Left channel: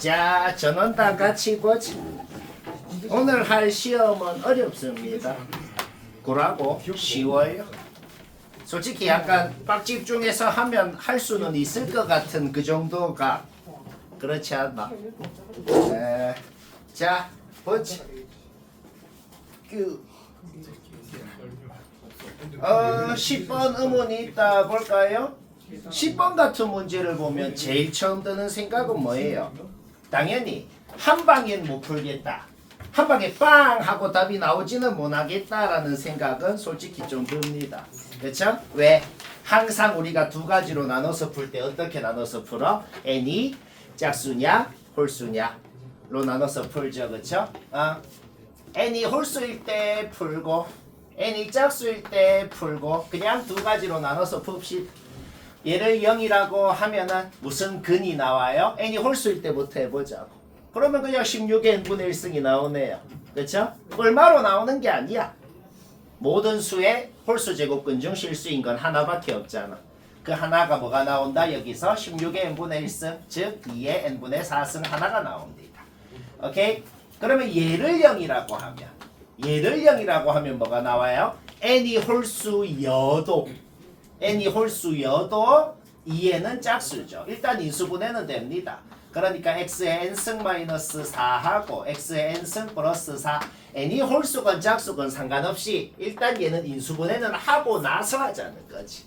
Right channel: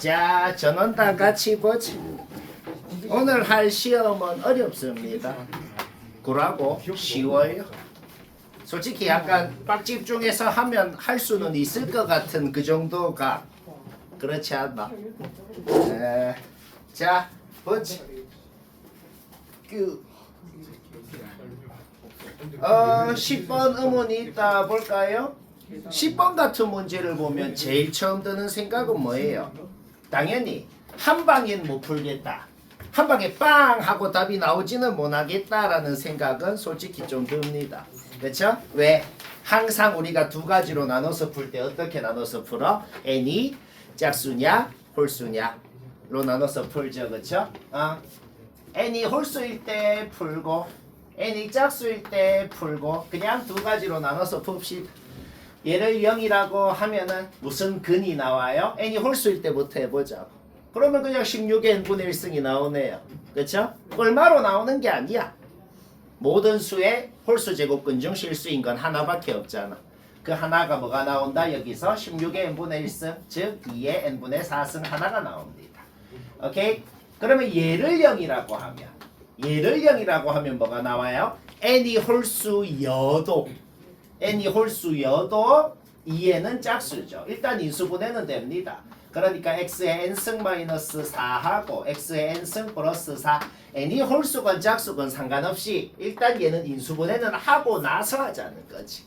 자, 전원단 같이 보지. 오늘 할 시험은 어렵습니다. 그러고 쉬워요. 솔직히 약간 빡 집중해서 하면 할 수는 있을 것 같은 그 정도가 그렇지 않나? 자, 보지. 10번 의문이 있다 볼까요? 10번 같은 문제를 보면 제일 처음 드는 생각은 뭐예요? 당연히 한 방엔 못 풀겠다. 한 방에 빵 하고 답이 나오지는 못하겠다라는 생각은 솔직히 좀 듭니다. 그렇죠? 왜? 항상 우리가 두 가지로 나눠서 풀 때 어떻게 나눠서 풀어? n이 짝수냐 홀수냐로 나눠서 풀죠. 그렇죠? n이 홀수일 때 풀고 n이 짝수일 때 풀고 그냥 두 가지로 나눠서 풉시다. 얘를 0이라고 하면은 무슨 근이 나와요? n이 홀수일 때부터 해보자고. 그러면 그냥 16의 n분의 1승이 나오네요. 그렇죠? 얼마로 나오는 게 아니야. 모든 수의 홀수 제곱근 중 실수인 건 하나밖에 없잖아. 그 하나가 뭐가 나온다? 여기서 16의 n분의 1승, 즉 2의 n분의 4승 하나가 나옵니다. 오케이? 그러면 얘를 0이라고 하면 뭐가 나와요? n이 홀수여도 n이 홀수여도 2에는 짝수죠. 일단 인수분해는 됩니다. 그러니까 x의 n승 마이너스 4하고 x의 n승 플러스 4 n이 홀수건 짝수건 상관없이 일단 얘는 인수분해는 하고 나서 하자는 거지.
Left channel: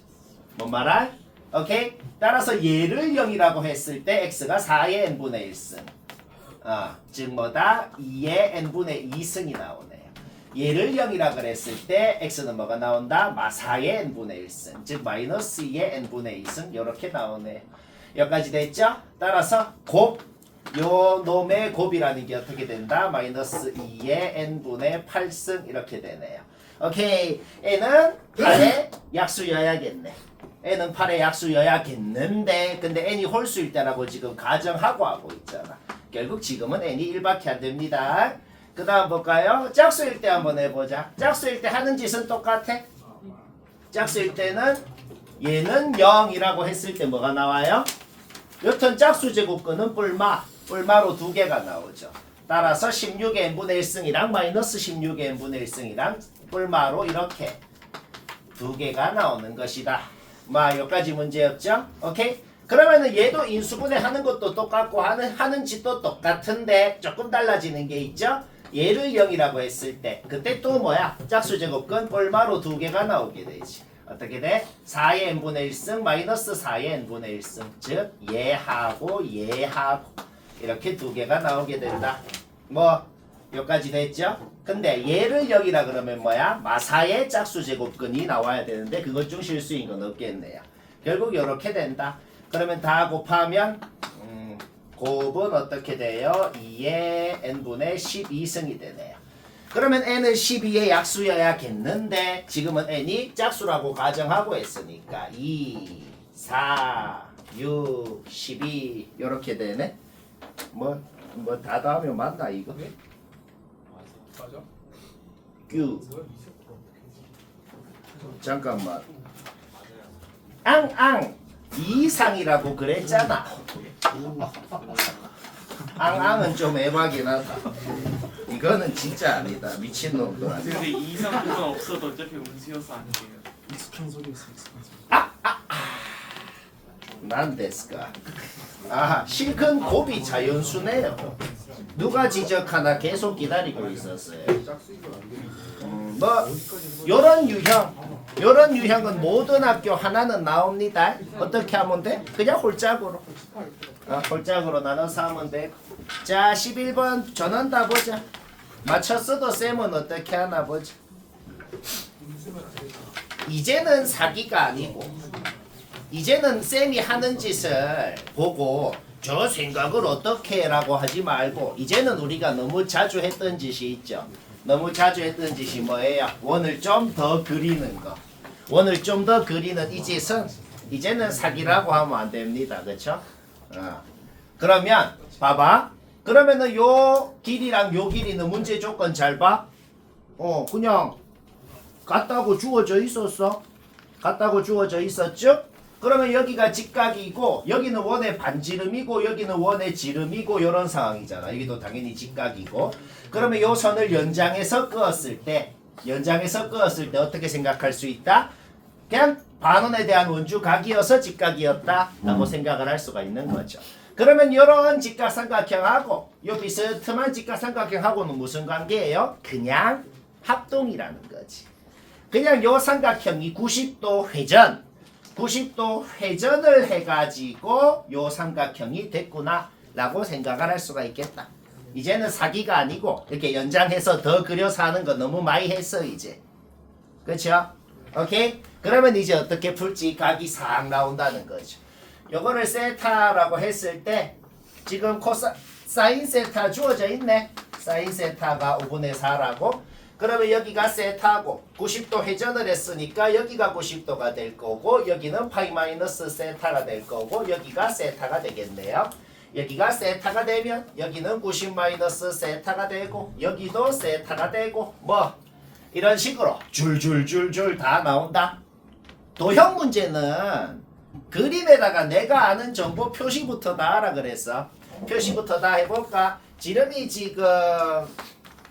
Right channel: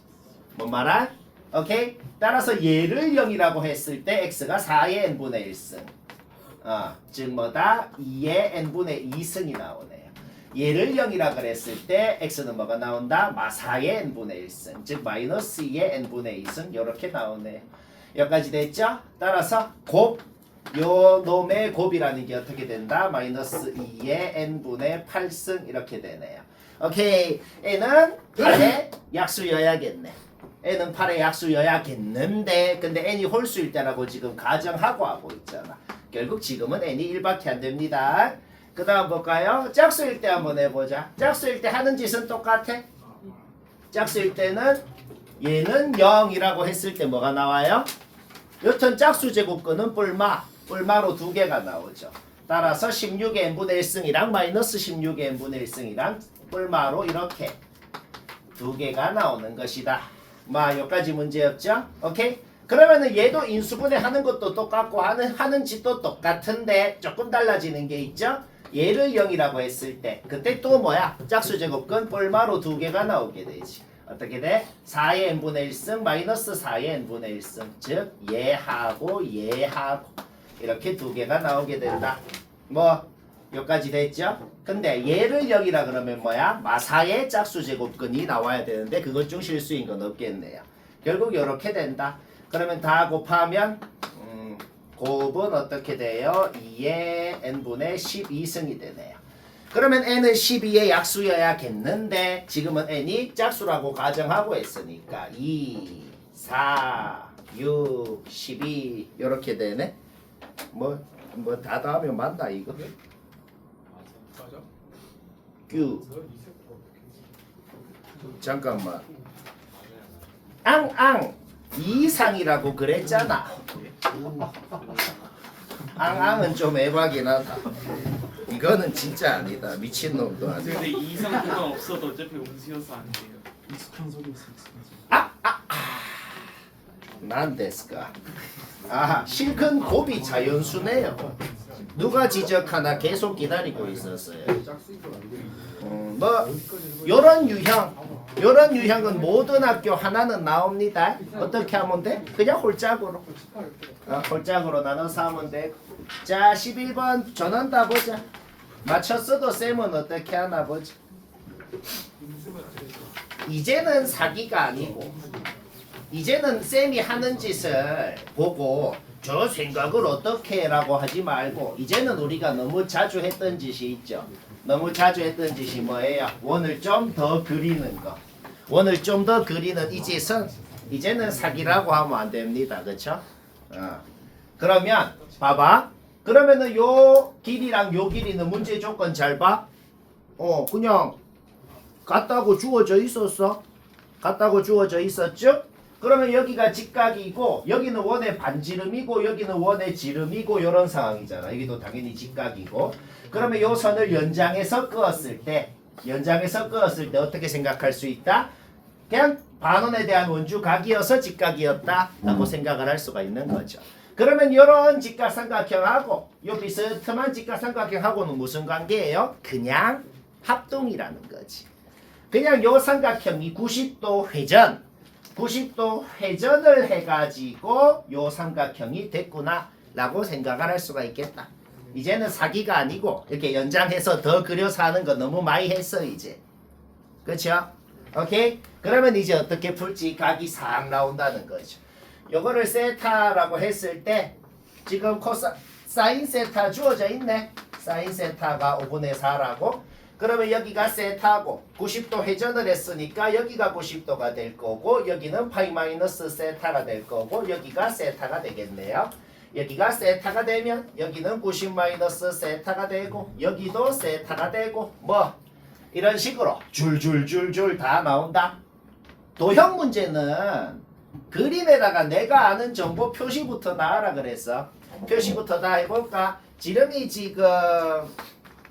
뭔 말아? 오케이? 따라서 얘를 0이라고 했을 때 x가 4의 n분의 1승 즉 뭐다? 2의 n분의 2승이 나오네요. 얘를 0이라 그랬을 때 x는 뭐가 나온다? 4의 n분의 1승 즉 마이너스 2의 n분의 2승 이렇게 나오네요. 여기까지 됐죠? 따라서 곱, 요 놈의 곱이라는 게 어떻게 된다? 마이너스 2의 n분의 8승 이렇게 되네요. 오케이. n은 8의 약수여야겠네. n은 8의 약수여야겠는데 근데 n이 홀수일 때라고 지금 가정하고 하고 있잖아. 결국 지금은 n이 1밖에 안 됩니다. 그 다음 볼까요? 짝수일 때 한번 해보자. 짝수일 때 하는 짓은 똑같아. 짝수일 때는 얘는 0이라고 했을 때 뭐가 나와요? 여튼 짝수 제곱근은 뿔마로 두 개가 나오죠. 따라서 16의 n분의 1승이랑 마이너스 16의 n분의 1승이랑 뿔마로 이렇게 두 개가 나오는 것이다. 여기까지 문제였죠? 오케이? 그러면은 얘도 인수분해 하는 것도 똑같고 하는 짓도 똑같은데 조금 달라지는 게 있죠? 얘를 0이라고 했을 때 그때 또 뭐야? 짝수 제곱근 뿔마로 두 개가 나오게 되지. 어떻게 돼? 4의 n분의 1승 마이너스 4의 n분의 1승 즉 얘하고 얘하고 이렇게 두 개가 나오게 된다. 여기까지 됐죠? 근데 얘를 0이라 그러면 뭐야? 마사의 짝수 제곱근이 나와야 되는데 그것 중 실수인 건 없겠네요. 결국 이렇게 된다. 그러면 다 곱하면 곱은 어떻게 돼요? 2의 n분의 12승이 되네요. 그러면 n은 12의 약수여야겠는데 지금은 n이 짝수라고 가정하고 했으니까 2, 4, 6, 12 이렇게 되네. 다 하면 맞나 이거? 네? 맞아. q 잠깐만. 앙앙 이상이라고 그랬잖아. 앙앙은 좀 애박이긴 하다. 이거는 진짜 아니다. 미친놈도 아니야. 근데 이상도가 없어도 어차피 음수여서 안 돼요. 익숙한 소리에서 난 데스까. 실컷 곱이 자연수네요. 누가 지적하나 계속 기다리고 있었어요. 요런 유형은 모든 학교 하나는 나옵니다. 어떻게 하면 돼? 그냥 홀짝으로. 홀짝으로 나눠서 하면 돼. 자, 11번 전원 다 보자. 맞췄어도 쌤은 어떻게 하나 보자. 이제는 사기가 아니고 이제는 쌤이 하는 짓을 보고 저 생각을 어떻게 라고 하지 말고 이제는 우리가 너무 자주 했던 짓이 있죠. 너무 자주 했던 짓이 뭐예요? 원을 좀 더 그리는 거. 원을 좀 더 그리는 이 짓은 이제는 사기라고 하면 안 됩니다. 그렇죠? 그러면 봐봐. 그러면은 요 길이랑 요 길이는 문제 조건 잘 봐. 그냥 같다고 주어져 있었어. 같다고 주어져 있었죠? 그러면 여기가 직각이고 여기는 원의 반지름이고 여기는 원의 지름이고 이런 상황이잖아. 여기도 당연히 직각이고. 그러면 요 선을 연장해서 그었을 때 어떻게 생각할 수 있다? 그냥 반원에 대한 원주 각이어서 직각이었다라고 생각을 할 수가 있는 거죠. 그러면 이런 직각삼각형하고 요 비스듬한 직각삼각형하고는 무슨 관계예요? 그냥 합동이라는 거지. 그냥 요 삼각형이 90도 회전을 해가지고 요 삼각형이 됐구나라고 생각을 할 수가 있겠다. 이제는 사기가 아니고 이렇게 연장해서 더 그려서 하는 거 너무 많이 했어 이제. 그렇죠? 오케이? 그러면 이제 어떻게 풀지? 각이 싹 나온다는 거죠. 요거를 세타라고 했을 때 지금 사인 세타 주어져 있네. 사인 세타가 5분의 4라고. 그러면 여기가 세타고 90도 회전을 했으니까 여기가 90도가 될 거고 여기는 파이 마이너스 세타가 될 거고 여기가 세타가 되겠네요. 여기가 세타가 되면 여기는 90 마이너스 세타가 되고 여기도 세타가 되고 뭐 이런 식으로 줄줄줄줄 다 나온다. 도형 문제는 그림에다가 내가 아는 정보 표시부터 다 하라 그랬어. 표시부터 다 해볼까? 지름이 지금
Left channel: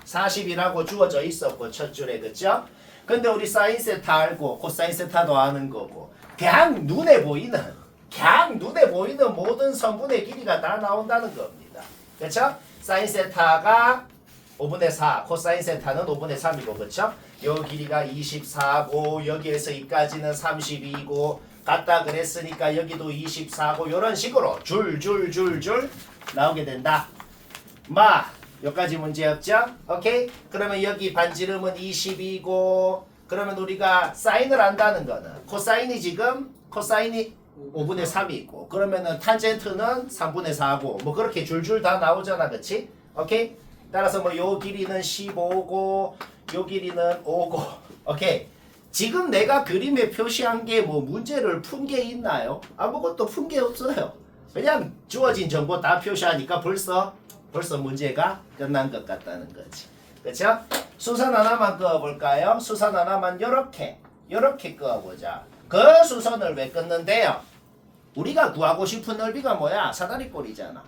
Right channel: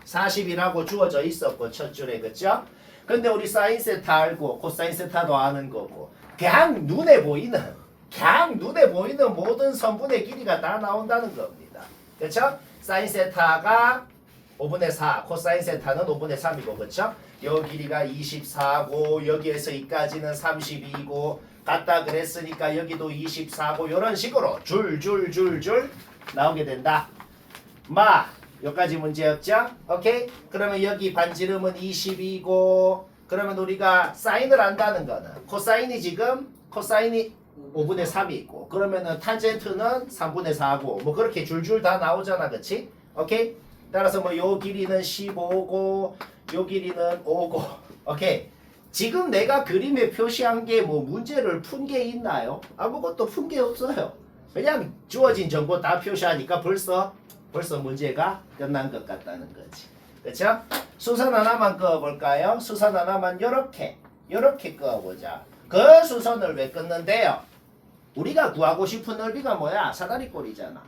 40이라고 주어져 있었고 첫 줄에 그쵸? 근데 우리 사인 세타 알고 코사인 세타도 아는 거고 그냥 눈에 보이는 모든 선분의 길이가 다 나온다는 겁니다. 그쵸? 사인 세타가 5분의 4, 코사인 세타는 5분의 3이고 그쵸? 요 길이가 24고 여기에서 여기까지는 32고 같다 그랬으니까 여기도 24고 요런 식으로 줄줄줄줄 나오게 된다. 여기까지 문제 없죠? 오케이? 그러면 여기 반지름은 20이고 그러면 우리가 사인을 안다는 거는 코사인이 지금 코사인이 5분의 3이 있고 그러면은 탄젠트는 3분의 4고 뭐 그렇게 줄줄 다 나오잖아. 그치? 오케이? 따라서 뭐 요 길이는 15고 요 길이는 5고 오케이? 지금 내가 그림에 표시한 게 뭐 문제를 푼 게 있나요? 아무것도 푼 게 없어요. 그냥 주어진 정보 다 표시하니까 벌써 문제가 끝난 것 같다는 거지. 그렇죠? 수선 하나만 그어볼까요? 수선 하나만 요렇게 그어보자. 그 수선을 왜 끊는데요? 우리가 구하고 싶은 넓이가 뭐야? 사다리꼴이잖아.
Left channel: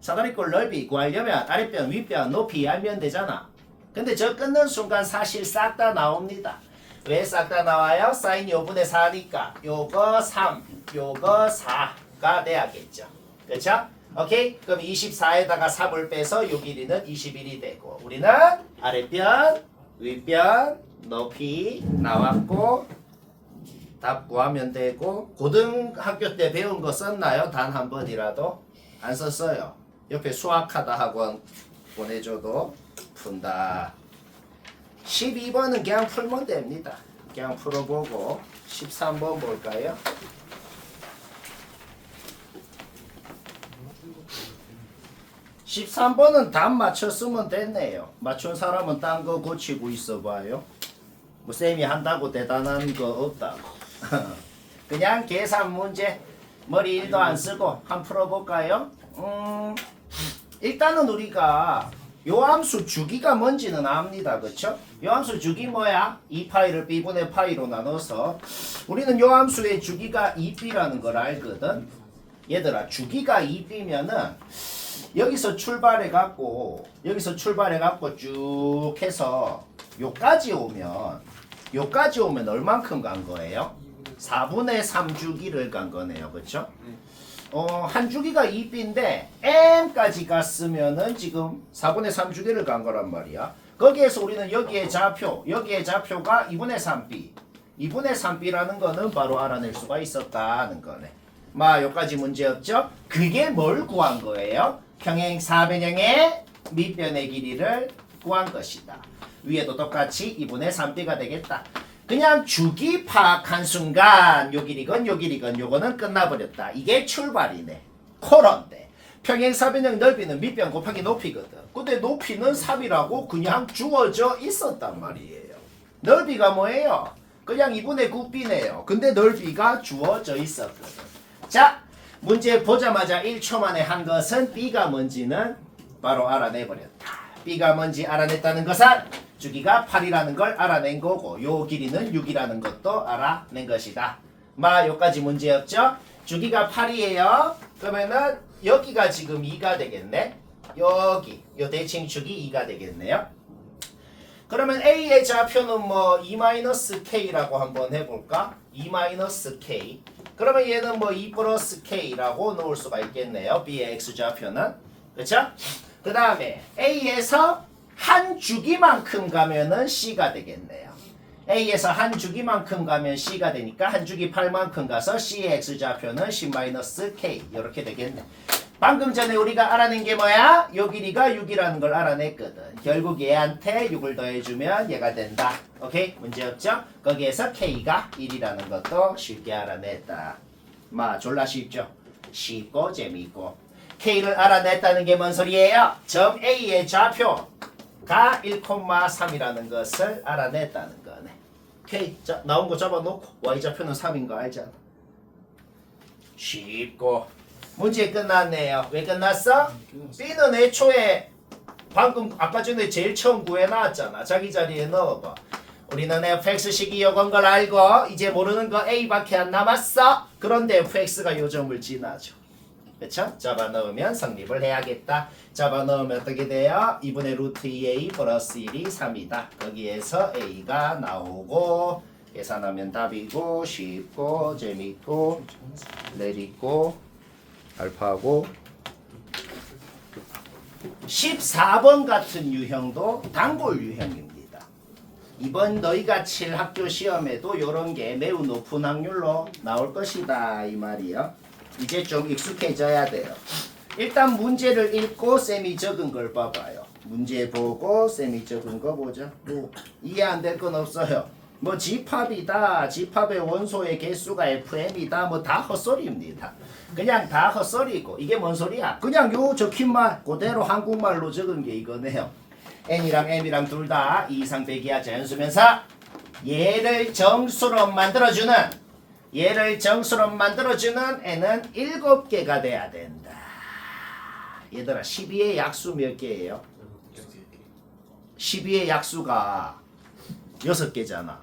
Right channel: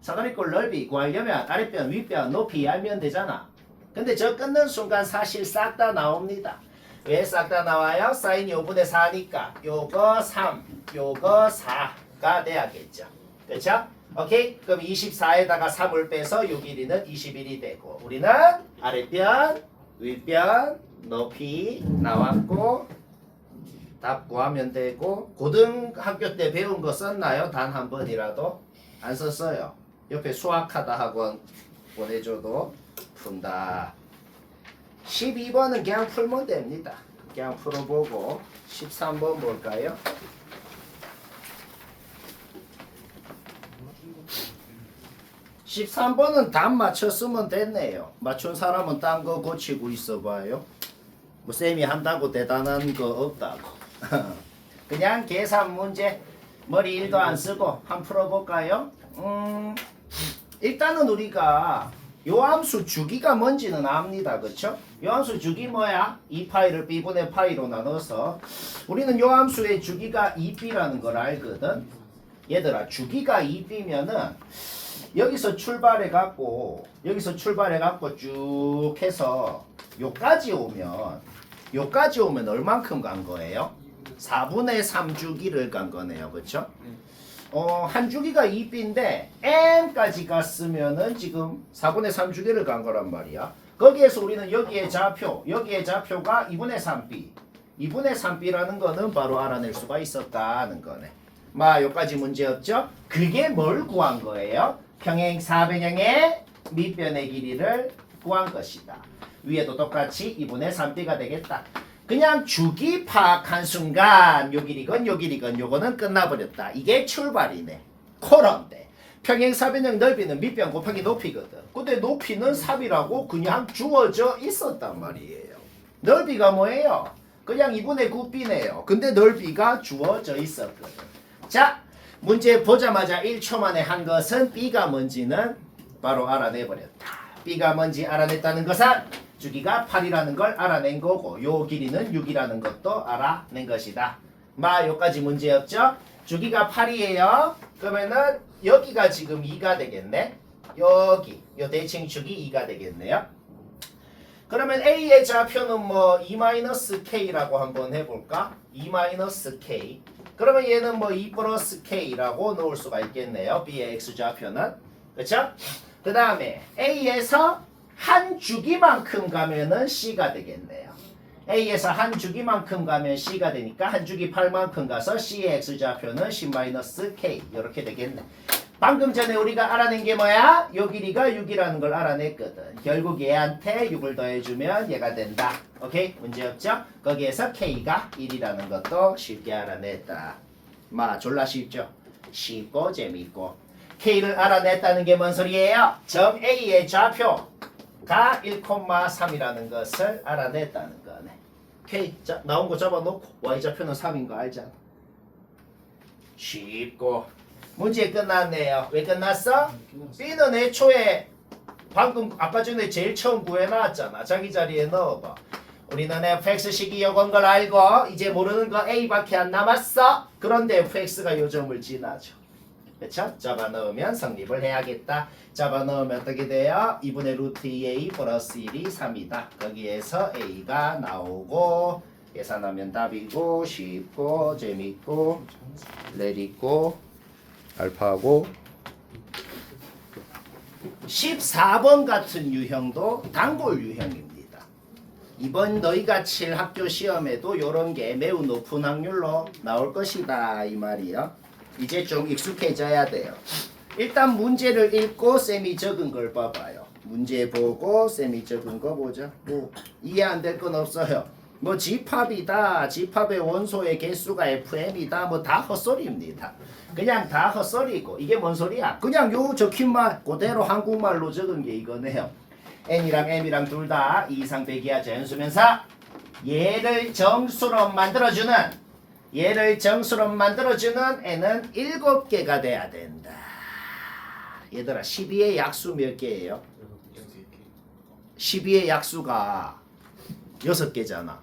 사다리꼴 넓이 구하려면 아랫변, 윗변, 높이 알면 되잖아. 근데 저 끊는 순간 사실 싹 다 나옵니다. 왜 싹 다 나와요? 사인이 5분의 4니까 요거 3, 요거 4가 돼야겠죠. 그렇죠? 오케이? 그럼 24에다가 3을 빼서 요 길이는 21이 되고 우리는 아랫변, 윗변, 높이 나왔고 답 구하면 되고 고등학교 때 배운 거 썼나요? 단 한 번이라도? 안 썼어요. 옆에 수학하다 학원 보내줘도 푼다. 12번은 그냥 풀면 됩니다. 그냥 풀어보고 13번 볼까요? 13번은 답 맞췄으면 됐네요. 맞춘 사람은 딴 거 고치고 있어봐요. 뭐 쌤이 한다고 대단한 거 없다고. 그냥 계산 문제 머리 1도 안 쓰고 한 풀어볼까요? 일단은 우리가 요 함수 주기가 뭔지는 압니다. 그쵸? 요 함수 주기 뭐야? 2파이를 b분의 파이로 나눠서 우리는 요 함수의 주기가 2b라는 걸 알거든. 얘들아 주기가 2b면은 여기서 출발해 갖고 쭉 해서 요까지 오면 얼만큼 간 거예요? 4분의 3 주기를 간 거네요. 그렇죠? 한 주기가 2b인데 m까지 갔으면은 지금 4분의 3 주기를 간 거란 말이야. 거기에서 우리는 여기에 좌표가 2분의 3b 2분의 3b라는 거는 바로 알아낼 수가 있었다는 거네. 요까지 문제 없죠? 그게 뭘 구한 거예요? 평행 사변형의 밑변의 길이를 구한 것이다. 위에도 똑같이 2분의 3b가 되겠다. 그냥 주기 파악한 순간 요 길이건 요거는 끝나버렸다. 이게 출발이네. 코런데 평행사변형 넓이는 밑변 곱하기 높이거든. 근데 높이는 3이라고 그냥 주어져 있었단 말이에요. 넓이가 뭐예요? 그냥 2분의 9b네요. 근데 넓이가 주어져 있었거든. 자, 문제 보자마자 1초 만에 한 것은 b가 뭔지는 바로 알아내버렸다. b가 뭔지 알아냈다는 것은 주기가 8이라는 걸 알아낸 거고 요 길이는 6이라는 것도 알아낸 것이다. 여기까지 문제였죠? 주기가 8이에요. 그러면은 여기가 지금 2가 되겠네. 여기 요 대칭 주기 2가 되겠네요. 그러면 A의 좌표는 뭐 2-K라고 한번 해볼까? 2-K. 그러면 얘는 뭐 2 플러스 K라고 놓을 수가 있겠네요. B의 X 좌표는. 그쵸? 그 다음에 A에서 한 주기만큼 가면은 C가 되겠네요. A에서 한 주기만큼 가면 C가 되니까 한 주기 8만큼 가서 C의 X좌표는 C-K 이렇게 되겠네. 방금 전에 우리가 알아낸 게 뭐야? 요 길이가 6이라는 걸 알아냈거든. 결국 얘한테 6을 더해주면 얘가 된다. 오케이? 문제없죠? 거기에서 K가 1이라는 것도 쉽게 알아냈다. 졸라 쉽죠? 쉽고 재미있고. K를 알아냈다는 게 뭔 소리예요? 점 A의 좌표가 1,3이라는 것을 알아냈다는 거네. K, 자, 나온 거 잡아놓고 Y좌표는 3인 거 알잖아. 쉽고. 문제 끝났네요. 왜 끝났어? B는 애초에 방금 아까 전에 제일 처음 구해놨잖아. 자기 자리에 넣어봐. 우리는 fx식이 요건 걸 알고 이제 모르는 거 A밖에 안 남았어. 그런데 fx가 요 점을 지나죠. 그쵸? 잡아넣으면 성립을 해야겠다. 잡아넣으면 어떻게 돼요? 2분의 루트 2a 플러스 1이 3이다. 거기에서 a가 나오고 계산하면 답이고 쉽고 재밌고 내리고 알파하고 14번 같은 유형도 단골 유형입니다. 이번 너희가 칠 학교 시험에도 이런 게 매우 높은 확률로 나올 것이다 이 말이요. 이제 좀 익숙해져야 돼요. 일단 문제를 읽고 쌤이 적은 걸 봐봐요. 문제 보고 쌤이 적은 거 보자. 뭐 이해 안 될 건 없어요. 뭐 집합이다. 집합의 원소의 개수가 FM이다. 뭐 다 헛소리입니다. 그냥 다 헛소리고 이게 뭔 소리야? 그냥 요 적힌 말 그대로 한국말로 적은 게 이거네요. N이랑 M이랑 둘 다 2 이상 대기하 자연수면서 얘를 정수로 만들어주는 N은 7개가 돼야 된다. 얘들아 12의 약수 몇 개예요? 12의 약수가 6개잖아.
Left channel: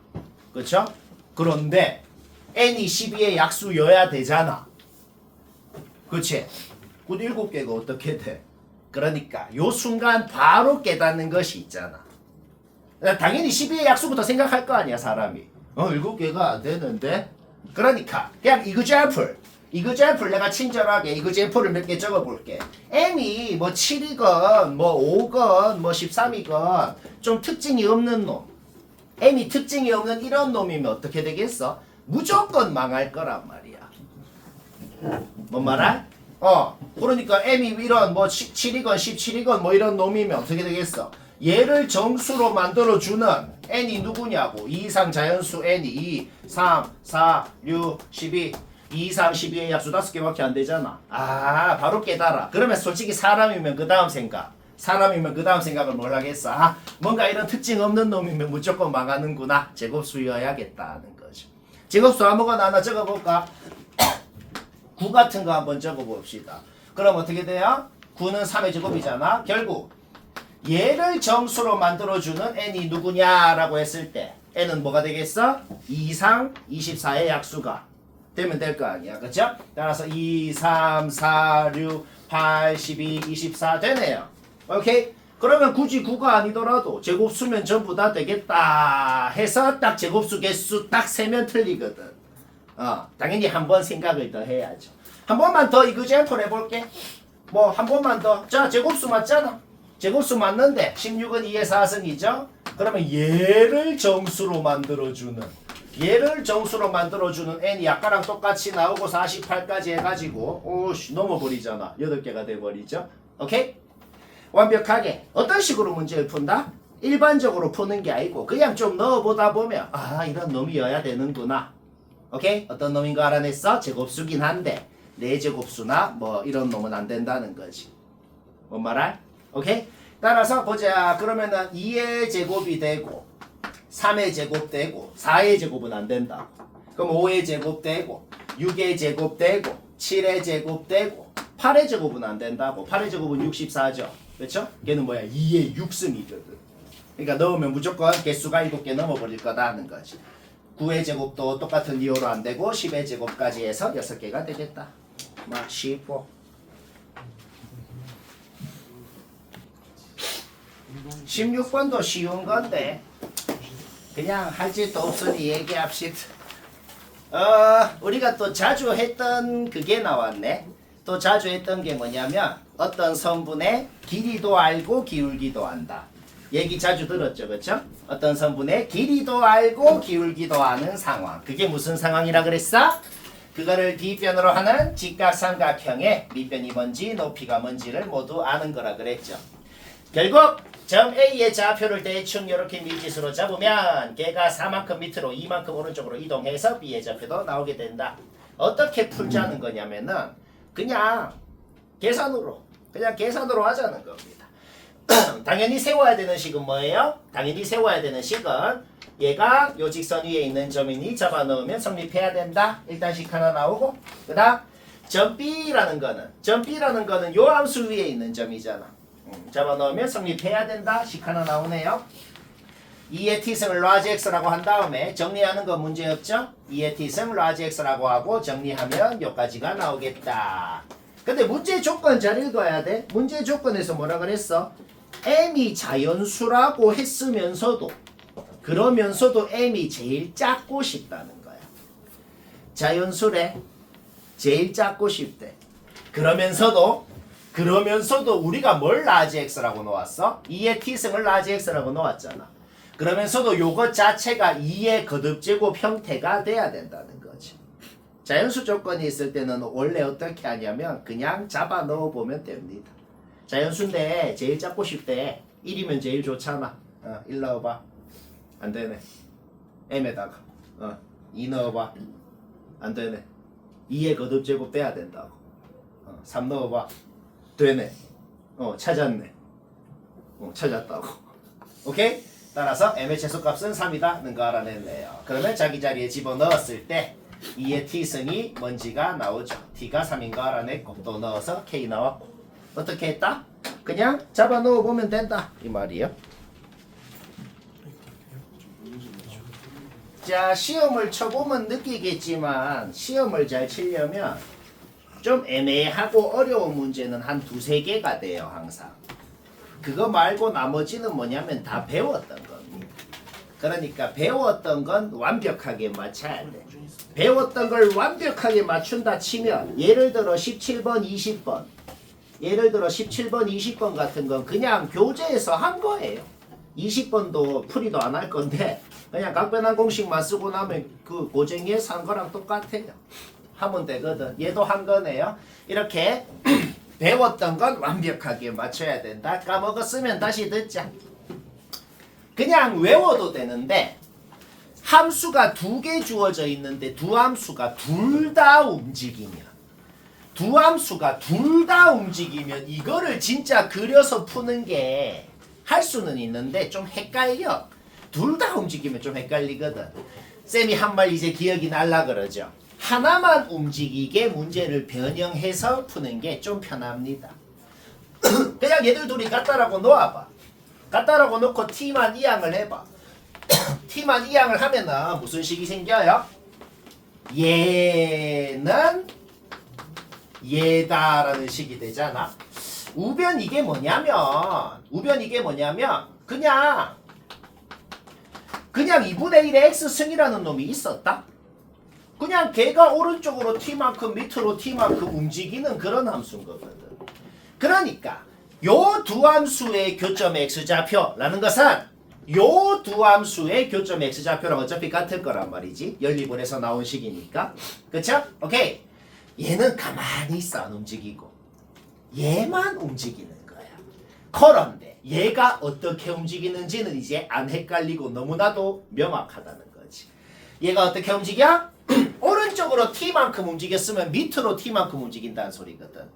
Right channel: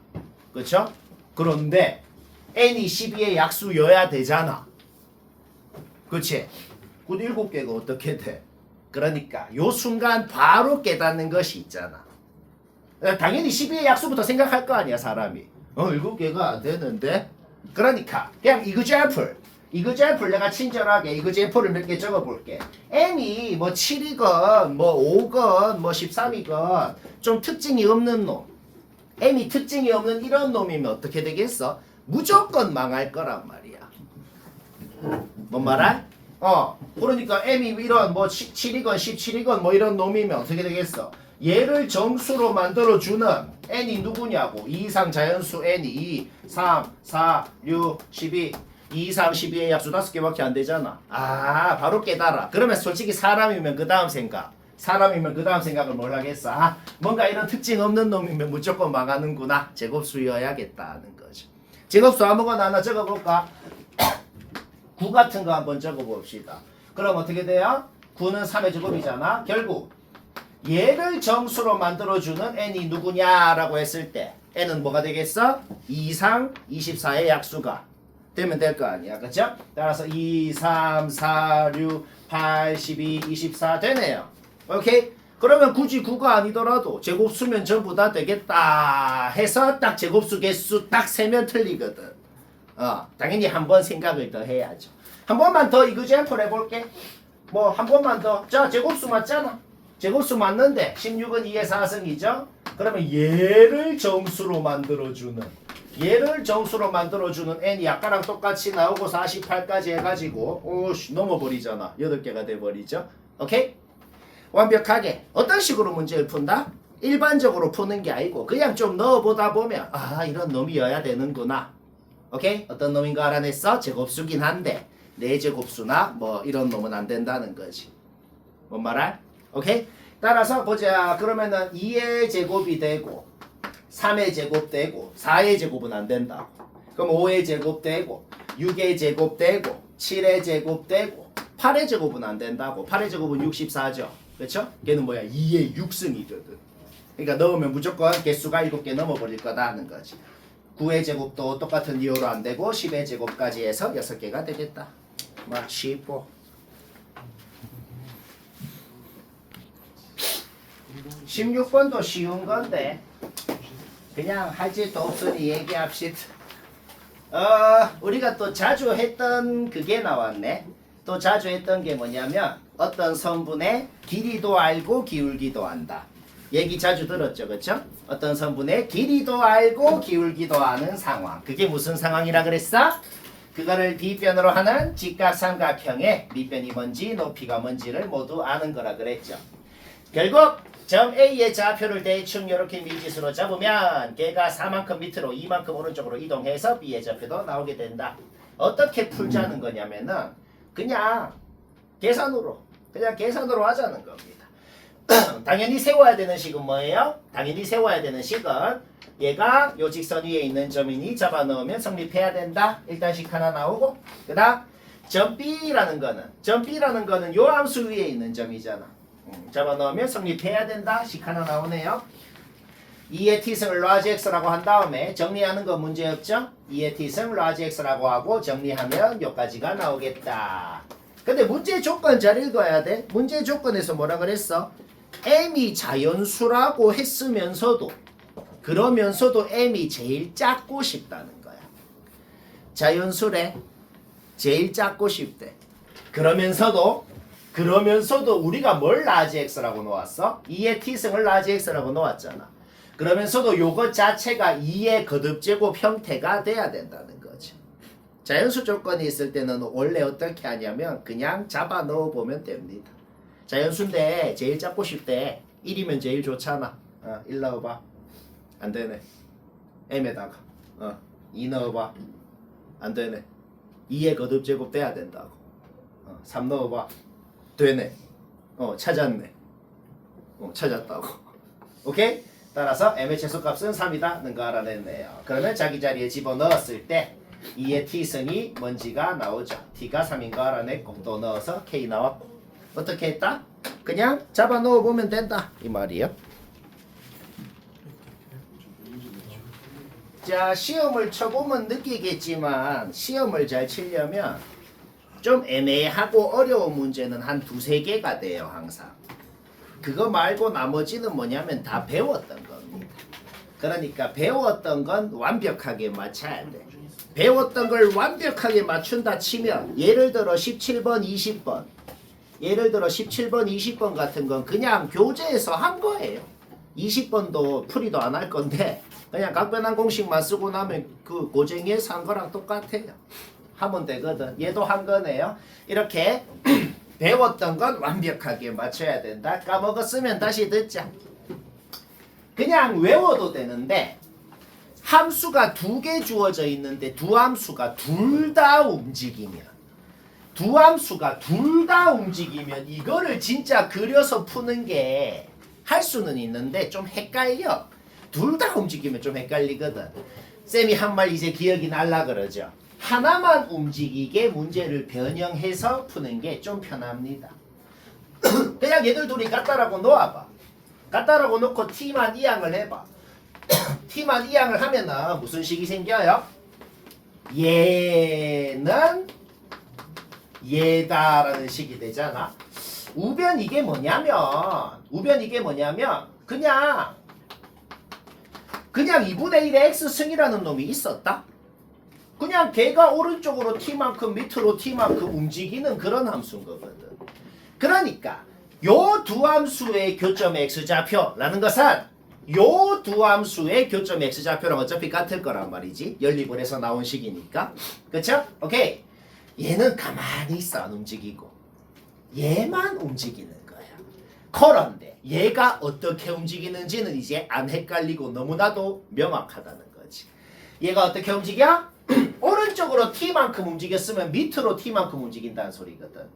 그렇죠? 그런데 N이 12의 약수여야 되잖아. 그치? 그 7개가 어떻게 돼? 그러니까 요 순간 바로 깨닫는 것이 있잖아. 당연히 12의 약수부터 생각할 거 아니야 사람이. 7개가 안 되는데? 그러니까 그냥 이그제플 내가 친절하게 이그제플을 몇 개 적어볼게. M이 뭐 7이건 뭐 5건 뭐 13이건 좀 특징이 없는 놈. M이 특징이 없는 이런 놈이면 어떻게 되겠어? 무조건 망할 거란 말이야. 뭔 말할? 그러니까 M이 이런 뭐 7이건 17이건 뭐 이런 놈이면 어떻게 되겠어? 얘를 정수로 만들어주는 N이 누구냐고. 2 이상 자연수 N이 2, 3, 4, 6, 12 2, 3, 12의 약수 5개밖에 안 되잖아. 바로 깨달아. 그러면 솔직히 사람이면 그 다음 생각을 뭘 하겠어? 뭔가 이런 특징 없는 놈이면 무조건 망하는구나. 제곱수여야겠다는 거죠. 제곱수 아무거나 하나 적어볼까? 9 같은 거 한번 적어봅시다. 그럼 어떻게 돼요? 9는 3의 제곱이잖아. 결국 얘를 정수로 만들어주는 n이 누구냐라고 했을 때 n은 뭐가 되겠어? 2 이상 24의 약수가 되면 될 거 아니야. 그쵸? 따라서 2, 3, 4, 6, 8, 12, 24 되네요. 오케이? 그러면 굳이 9가 아니더라도 제곱수면 전부 다 되겠다 해서 딱 제곱수 개수 딱 세면 틀리거든. 당연히 한 번 생각을 더 해야죠. 한 번만 더 이그젠플 해볼게. 뭐 한 번만 더. 자, 제곱수 맞잖아. 제곱수 맞는데 16은 2의 4승이죠. 그러면 얘를 정수로 만들어주는 n이 아까랑 똑같이 나오고 48까지 해가지고 넘어버리잖아. 8개가 돼버리죠. 오케이? 완벽하게 어떤 식으로 문제를 푼다? 일반적으로 푸는 게 아니고 그냥 좀 넣어보다 보면 이런 놈이어야 되는구나. 오케이? 어떤 놈인 거 알아냈어? 제곱수긴 한데 4제곱수나 뭐 이런 놈은 안 된다는 거지. 뭔 말할? 오케이? 따라서 보자. 그러면은 2의 제곱이 되고 3의 제곱 되고 4의 제곱은 안 된다고. 그럼 5의 제곱 되고 6의 제곱 되고 7의 제곱 되고 8의 제곱은 안 된다고. 8의 제곱은 64죠. 그렇죠? 걔는 뭐야? 2의 6승이거든. 그러니까 넣으면 무조건 개수가 7개 넘어버릴 거다 하는 거지. 9의 제곱도 똑같은 이유로 안 되고 10의 제곱까지 해서 6개가 되겠다. 막 쉽고 16번도 쉬운 건데 그냥 할 짓도 없으니 얘기합시다. 우리가 또 자주 했던 그게 나왔네. 또 자주 했던 게 뭐냐면 어떤 성분의 길이도 알고 기울기도 안다. 얘기 자주 들었죠, 그렇죠? 어떤 성분의 길이도 알고 기울기도 아는 상황. 그게 무슨 상황이라 그랬어? 그거를 뒷변으로 하는 직각삼각형의 밑변이 뭔지 높이가 뭔지를 모두 아는 거라 그랬죠. 결국 점 A의 좌표를 대충 이렇게 미지수로 잡으면 걔가 4만큼 밑으로 2만큼 오른쪽으로 이동해서 B의 좌표도 나오게 된다. 어떻게 풀자는 거냐면은 그냥 계산으로 하자는 겁니다. 당연히 세워야 되는 식은 뭐예요? 당연히 세워야 되는 식은 얘가 요 직선 위에 있는 점이니 잡아넣으면 성립해야 된다. 일단 식 하나 나오고 그 다음 점 B라는 거는 요 함수 위에 있는 점이잖아. 잡아넣으면 성립해야 된다. 식 하나 나오네요. 2의 t승을 라지 x라고 한 다음에 정리하는 건 문제없죠? 2의 t승 라지 x라고 하고 정리하면 여기까지가 나오겠다. 근데 문제 조건 잘 읽어야 돼. 문제 조건에서 뭐라 그랬어? m이 자연수라고 했으면서도 그러면서도 m이 제일 작고 싶다는 거야. 자연수래. 제일 작고 싶대. 그러면서도 우리가 뭘 라지 x라고 놓았어? 2의 t승을 라지 x라고 놓았잖아. 그러면서도 요것 자체가 2의 거듭제곱 형태가 돼야 된다는 거지. 자연수 조건이 있을 때는 원래 어떻게 하냐면 그냥 잡아 넣어 보면 됩니다. 자연수인데 제일 잡고 싶대. 1이면 제일 좋잖아. 1 넣어봐. 안 되네. m에다가 2 넣어봐. 안 되네. 2의 거듭제곱 돼야 된다고. 3 넣어봐. 되네. 찾았네. 찾았다고. 오케이? 따라서 m의 최소값은 3이다. 는거 알아냈네요. 그러면 자기 자리에 집어넣었을 때 2의 t승이 뭔지가 나오죠. t가 3인 거 알아냈고 또 넣어서 k 나왔고 어떻게 했다? 그냥 잡아 넣어보면 된다. 이 말이에요. 자, 시험을 쳐보면 느끼겠지만 시험을 잘 치려면 좀 애매하고 어려운 문제는 한 2-3개가 돼요. 항상. 그거 말고 나머지는 뭐냐면 다 배웠던 겁니다. 그러니까 배웠던 건 완벽하게 맞춰야 돼. 배웠던 걸 완벽하게 맞춘다 치면 예를 들어 17번, 20번 예를 들어 17번, 20번 같은 건 그냥 교재에서 한 거예요. 20번도 풀이도 안 할 건데 그냥 각변환 공식만 쓰고 나면 그 고쟁이에서 한 거랑 똑같아요. 하면 되거든. 얘도 한 거네요. 이렇게 배웠던 건 완벽하게 맞춰야 된다. 까먹었으면 다시 듣자. 그냥 외워도 되는데 함수가 2개 주어져 있는데 두 함수가 둘 다 움직이면 이거를 진짜 그려서 푸는 게 할 수는 있는데 좀 헷갈려. 둘 다 움직이면 좀 헷갈리거든. 쌤이 한 말 이제 기억이 날라 그러죠. 하나만 움직이게 문제를 변형해서 푸는 게 좀 편합니다. 그냥 얘들 둘이 같다라고 놓아봐. 같다라고 놓고 t만 이항을 해봐. t만 이항을 하면은 무슨 식이 생겨요? 얘는 얘다라는 식이 되잖아. 우변 이게 뭐냐면 그냥 2분의 1의 x승이라는 놈이 있었다. 그냥 걔가 오른쪽으로 t만큼 밑으로 t만큼 움직이는 그런 함수인 거거든. 그러니까 요 두 함수의 교점 x좌표라는 것은 요 두 함수의 교점 x좌표랑 어차피 같을 거란 말이지. 연립원에서 나온 식이니까. 그쵸? 오케이. 얘는 가만히 있어 안 움직이고 얘만 움직이는 거야. 그런데 얘가 어떻게 움직이는지는 이제 안 헷갈리고 너무나도 명확하다는 거지. 얘가 어떻게 움직여? 오른쪽으로 t만큼 움직였으면 밑으로 t만큼 움직인다는 소리거든.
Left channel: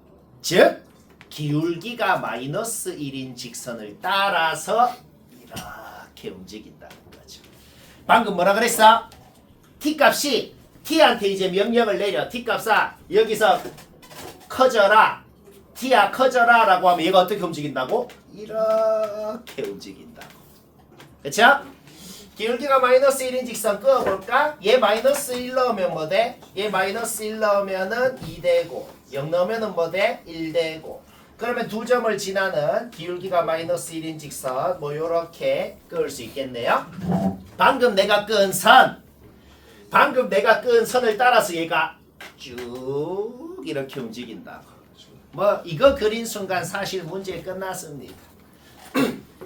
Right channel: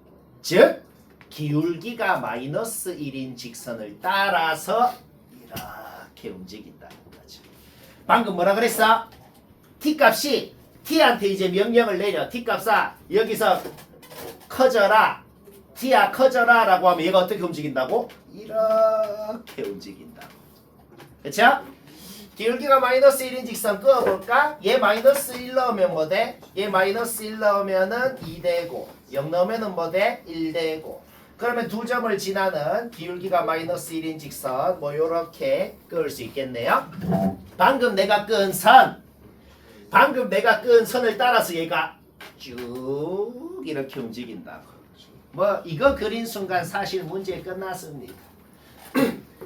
즉 기울기가 마이너스 1인 직선을 따라서 이렇게 움직인다는 거죠. 방금 뭐라 그랬어? t값이 t한테 이제 명령을 내려. t값아 여기서 커져라. t야 커져라 라고 하면 얘가 어떻게 움직인다고? 이렇게 움직인다고. 그쵸? 기울기가 마이너스 1인 직선 그어볼까? 얘 마이너스 1 넣으면 뭐 돼? 얘 마이너스 1 넣으면은 2 되고 0 넣으면은 뭐 돼? 1 되고 그러면 두 점을 지나는 기울기가 마이너스 1인 직선 뭐 요렇게 그을 수 있겠네요. 방금 내가 끈 선을 따라서 얘가 쭉 이렇게 움직인다고. 뭐 이거 그린 순간 사실 문제 끝났습니다.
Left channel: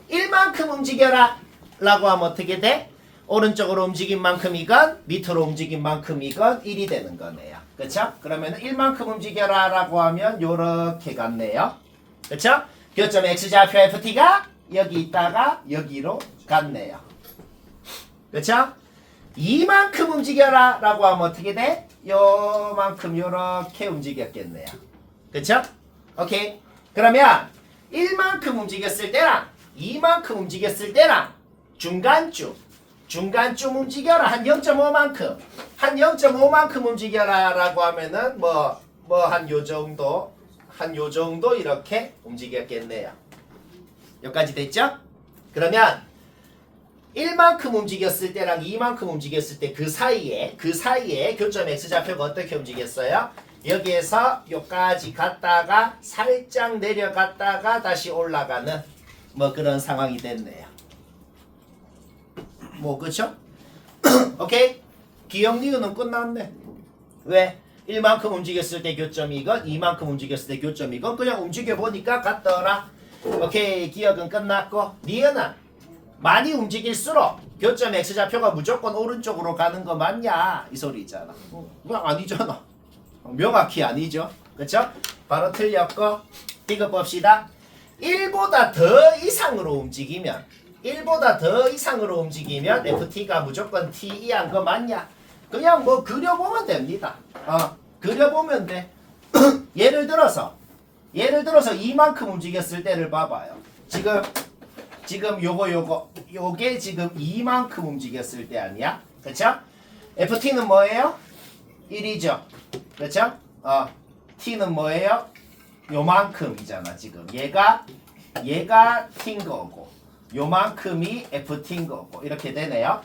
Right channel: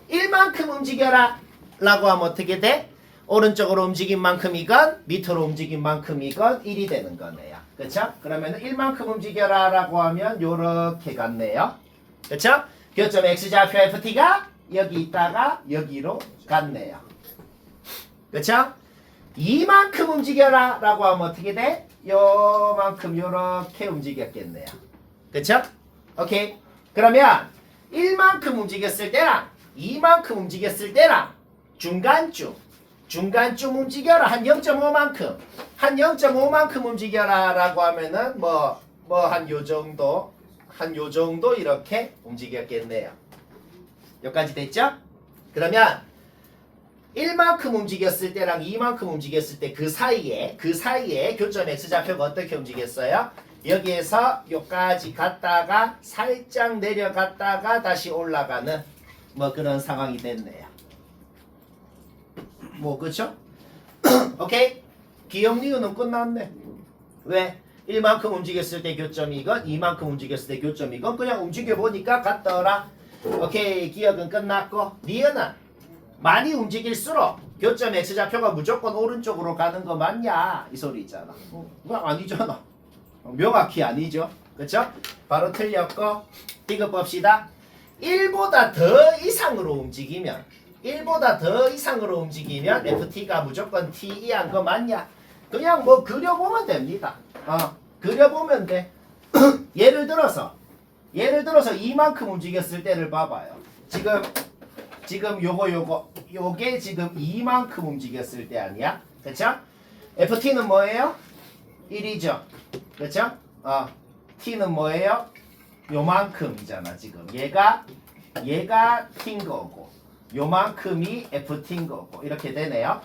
1만큼 움직여라 라고 하면 어떻게 돼? 오른쪽으로 움직인 만큼이건 밑으로 움직인 만큼이건 1이 되는 거네요. 그쵸? 그러면 1만큼 움직여라 라고 하면 요렇게 갔네요. 그쵸? 교점 X좌표 FT가 여기 있다가 여기로 갔네요. 그쵸? 2만큼 움직여라 라고 하면 어떻게 돼? 요만큼 요렇게 움직였겠네요. 그쵸? 오케이. 그러면 1만큼 움직였을 때랑 2만큼 움직였을 때랑 중간쯤 움직여라 한 0.5만큼 한 0.5만큼 움직여라 라고 하면은 뭐 한 요 정도 이렇게 움직였겠네요. 여기까지 됐죠? 그러면 1만큼 움직였을 때랑 2만큼 움직였을 때 그 사이에 교점 X좌표가 어떻게 움직였어요? 여기에서 여기까지 갔다가 살짝 내려갔다가 다시 올라가는 뭐 그런 상황이 됐네요. 뭐 그쵸? 오케이? 기억 니은은 끝났네. 왜? 1만큼 움직였을 때 교점이건 2만큼 움직였을 때 교점이건 그냥 움직여보니까 같더라. 오케이 기억은 끝났고 니은은 많이 움직일수록 교점 X좌표가 무조건 오른쪽으로 가는 거 맞냐 이 소리 있잖아. 아니잖아. 명확히 아니죠. 그쵸? 바로 틀렸고 이거 봅시다. 1보다 더 이상으로 움직이면 FT가 무조건 T 이한 거 맞냐? 그냥 뭐 그려보면 됩니다. 그려보면 돼. 예를 들어서 이만큼 움직였을 때를 봐봐요. 지금 요게 지금 이만큼 움직였을 때 아니야? 그쵸? FT는 뭐예요? 1이죠. 그쵸? T는 뭐예요? 요만큼이잖아 지금. 얘가 T인 거고 요만큼이 FT인 거고 이렇게 되네요.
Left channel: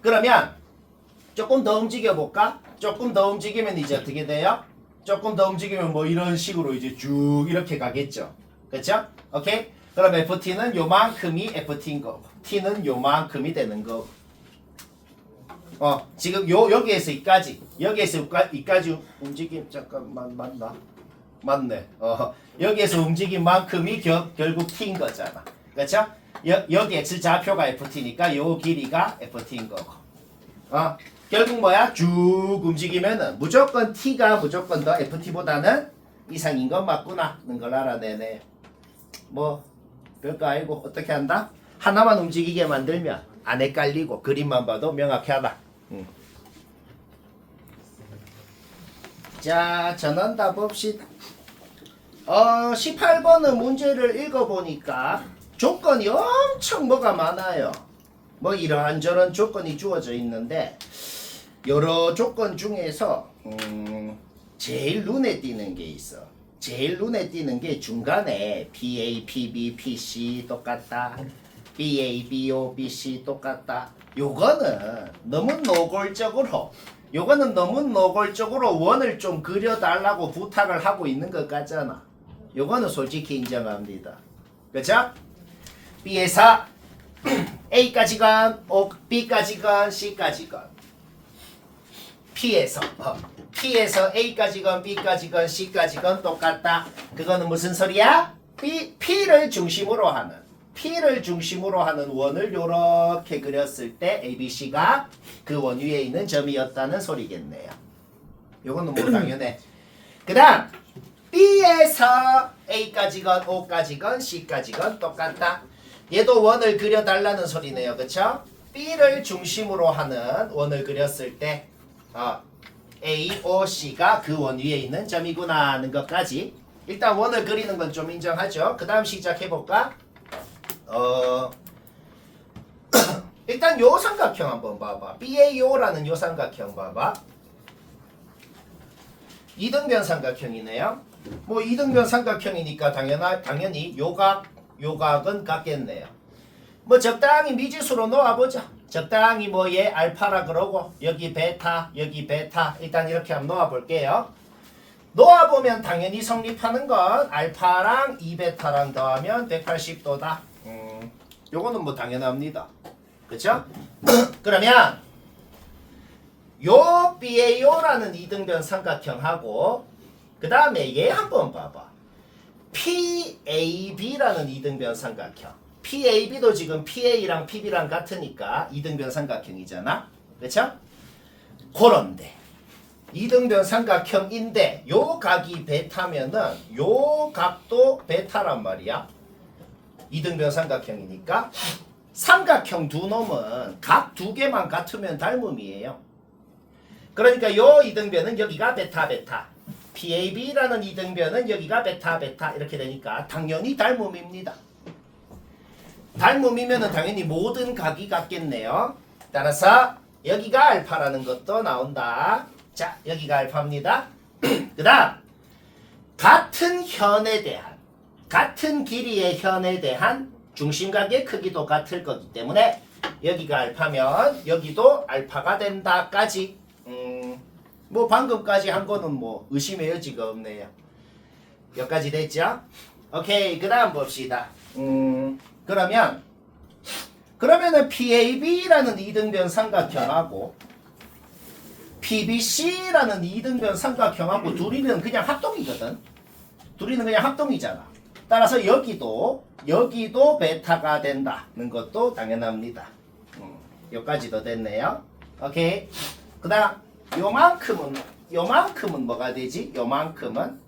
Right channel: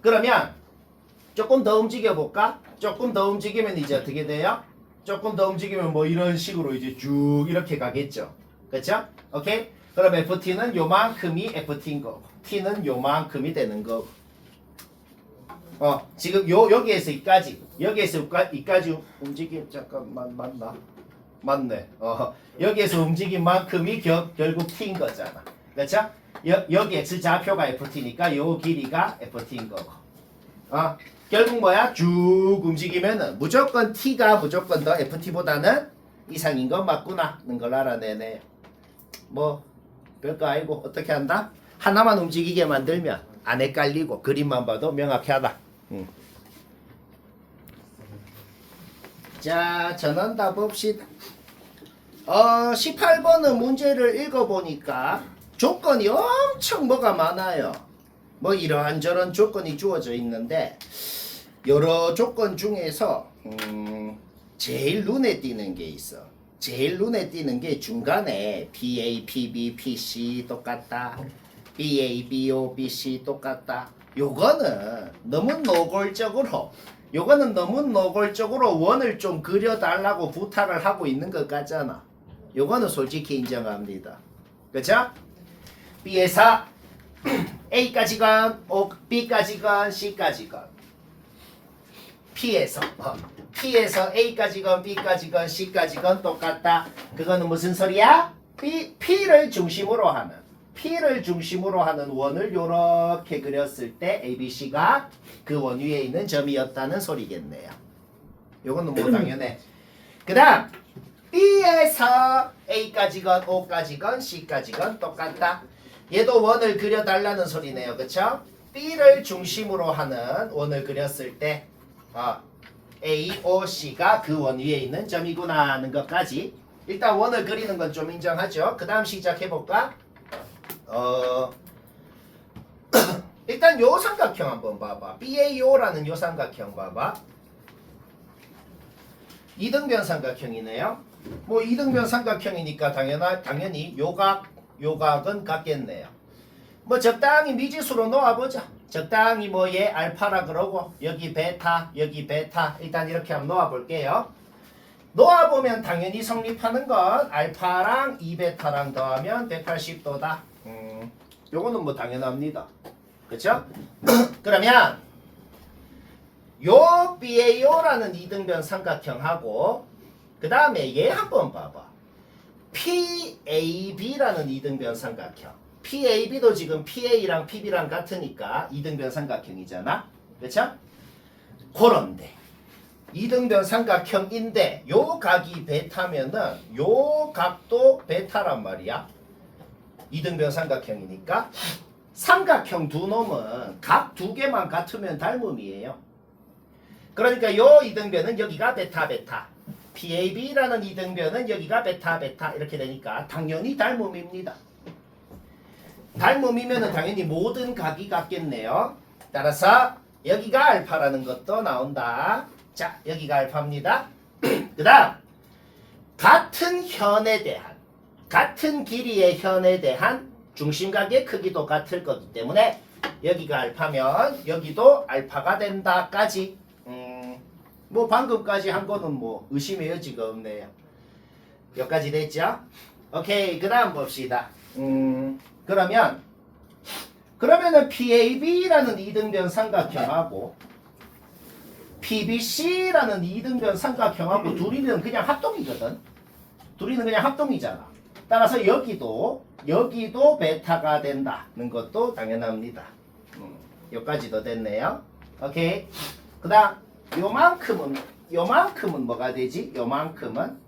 그러면 조금 더 움직여 볼까? 조금 더 움직이면 이제 어떻게 돼요? 조금 더 움직이면 뭐 이런 식으로 이제 쭉 이렇게 가겠죠. 그쵸? 오케이? 그럼 FT는 요만큼이 FT인 거고 T는 요만큼이 되는 거고 지금 여기에서 이까지 움직임 잠깐만 맞나? 맞네. 여기에서 움직인 만큼이 결국 T인 거잖아. 그렇죠? 여기 X좌표가 FT니까 요 길이가 FT인 거고. 결국 뭐야? 쭉 움직이면은 무조건 T가 무조건 더 FT보다는 이상인 건 맞구나는 걸 알아내네. 뭐 별거 아니고 어떻게 한다? 하나만 움직이게 만들면 안 헷갈리고 그림만 봐도 명확하다. 자, 전원답 봅시다. 18번은 문제를 읽어보니까 조건이 엄청 뭐가 많아요. 뭐 이런저런 조건이 주어져 있는데 여러 조건 중에서 제일 눈에 띄는 게 있어. 제일 눈에 띄는 게 중간에 BA, PB, PC 똑같다. BA, BO, BC 똑같다. 요거는 너무 노골적으로 원을 좀 그려달라고 부탁을 하고 있는 것 같잖아. 요거는 솔직히 인정합니다. 그쵸? B에서 A까지건 B까지건 C까지건 P에서 A까지건 B까지건 C까지건 똑같다. 그거는 무슨 소리야? P를 중심으로 하는 원을 요렇게 그렸을 때 ABC가 그 원 위에 있는 점이었다는 소리겠네요. 요거는 뭐 당연해. 그 다음 B에서 A까지건 O까지건 C까지건 똑같다. 얘도 원을 그려달라는 소리네요. 그쵸? B를 중심으로 하는 원을 그렸을 때 A, O, C가 그 원 위에 있는 점이구나 하는 것까지 일단 원을 그리는 건 좀 인정하죠. 그 다음 시작해볼까? 일단 요 삼각형 한번 봐봐. BAO라는 요 삼각형 봐봐. 이등변 삼각형이네요. 뭐 이등변 삼각형이니까 당연히 요각은 같겠네요. 뭐 적당히 미지수로 놓아보자. 적당히 뭐 얘 알파라 그러고 여기 베타 여기 베타 일단 이렇게 한번 놓아볼게요. 놓아보면 당연히 성립하는 건 알파랑 2베타랑 더하면 180도다. 요거는 뭐 당연합니다. 그쵸? 그러면 요 BAO라는 이등변 삼각형하고 그 다음에 얘 한번 봐봐. PAB라는 이등변 삼각형. PAB도 지금 PA랑 PB랑 같으니까 이등변 삼각형이잖아. 그쵸? 그런데 이등변 삼각형인데 요 각이 베타면은 요 각도 베타란 말이야. 이등변 삼각형이니까 삼각형 두 놈은 각 두 개만 같으면 닮음이에요. 그러니까 요 이등변은 여기가 베타 베타, PAB라는 이등변은 여기가 베타 베타 이렇게 되니까 당연히 닮음입니다. 닮음이면은 당연히 모든 각이 같겠네요. 따라서 여기가 알파라는 것도 나온다. 자, 여기가 알파입니다. 그 다음 같은 현에 대한 같은 길이의 현에 대한 중심각의 크기도 같을 거기 때문에 여기가 알파면 여기도 알파가 된다까지. 뭐 방금까지 한 거는 뭐 의심의 여지가 없네요. 여기까지 됐죠? 오케이, 그 다음 봅시다. 그러면은 PAB라는 이등변 삼각형하고 PBC라는 이등변 삼각형하고 둘이는 그냥 합동이거든. 둘이는 그냥 합동이잖아. 따라서 여기도 베타가 된다는 것도 당연합니다. 여기까지도 됐네요. 오케이. 그 다음 요만큼은 뭐가 되지? 요만큼은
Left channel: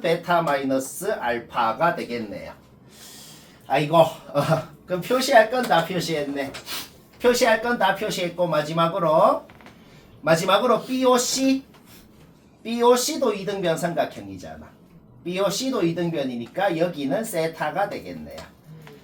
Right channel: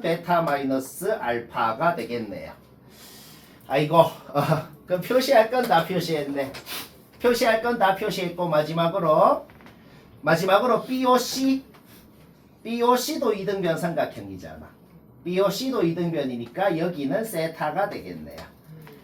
베타 마이너스 알파가 되겠네요. 아이고, 그럼 표시할 건 다 표시했네. 표시할 건 다 표시했고 마지막으로 BOC도 이등변 삼각형이잖아. BOC도 이등변이니까 여기는 세타가 되겠네요.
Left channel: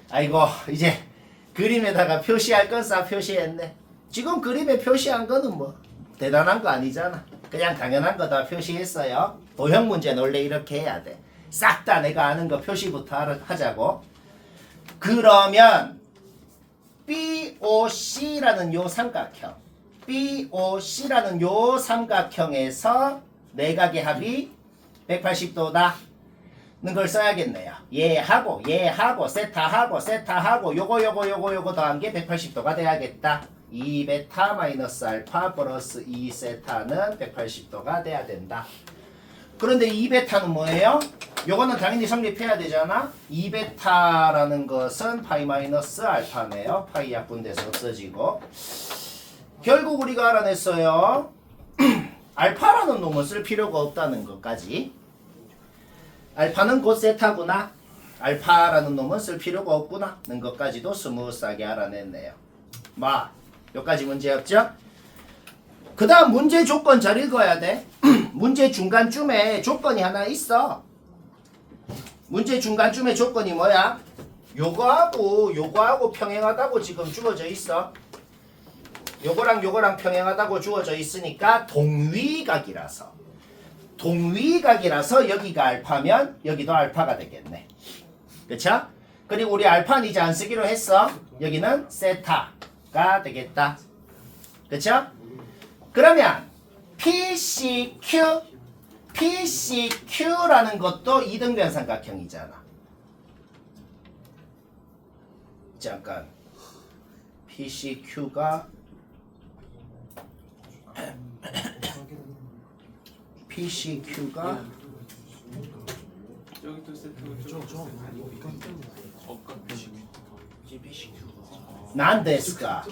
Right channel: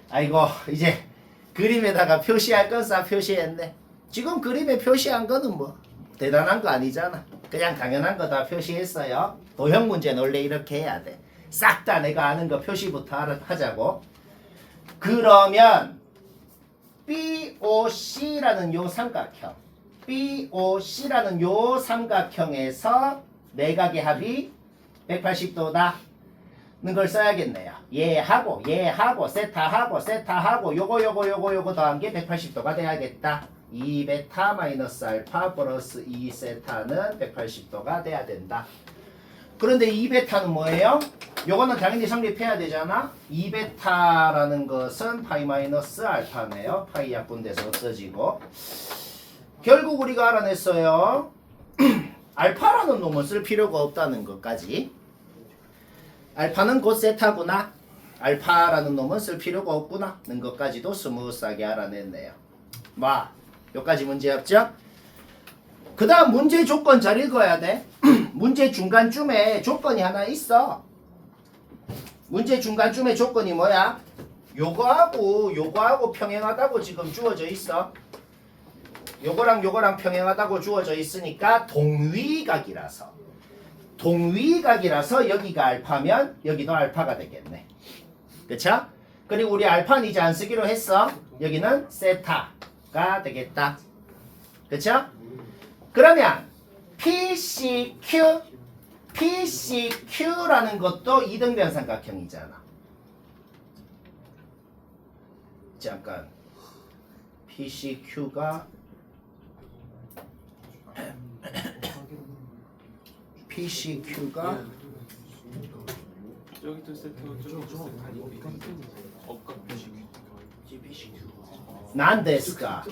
아이고, 이제 그림에다가 표시할 건 싹 표시했네. 지금 그림에 표시한 거는 뭐 대단한 거 아니잖아. 그냥 당연한 거 다 표시했어요. 도형 문제는 원래 이렇게 해야 돼. 싹 다 내가 아는 거 표시부터 하자고. 그러면 BOC라는 요 삼각형에서 내각의 합이 180도다. 는 걸 써야겠네요. 얘하고 세타하고 요거 더한 게 180도가 돼야겠다. 2베타 마이너스 알파 플러스 2세타는 180도가 돼야 된다. 그런데 2베타는 뭐예요? 요거는 당연히 성립해야 되잖아. 2베타라는 것은 파이 마이너스 알파네요. 파이 약분돼서 없어지고. 결국 우리가 알아냈어요. 알파라는 놈을 쓸 필요가 없다는 것까지. 알파는 곧 세타구나. 알파라는 놈은 쓸 필요가 없구나. 는 것까지도 스무스하게 알아냈네요. 여기까지 문제 없죠? 그 다음 문제 조건 잘 읽어야 돼. 문제 중간쯤에 조건이 하나 있어. 문제 중간쯤에 조건이 뭐야? 요거하고 평행하다고 지금 주어져 있어. 요거랑 평행하다고 주어져 있으니까 동위각이라서 여기가 알파면 여기도 알파가 되겠네. 그쵸? 그리고 우리 알파는 이제 안 쓰기로 했어. 여기는 세타가 되겠다. 그쵸? 그러면 PCQ라는 것도 이등변 삼각형이잖아. 잠깐. PCQ가 여기도 세트고 저기도 난데스까.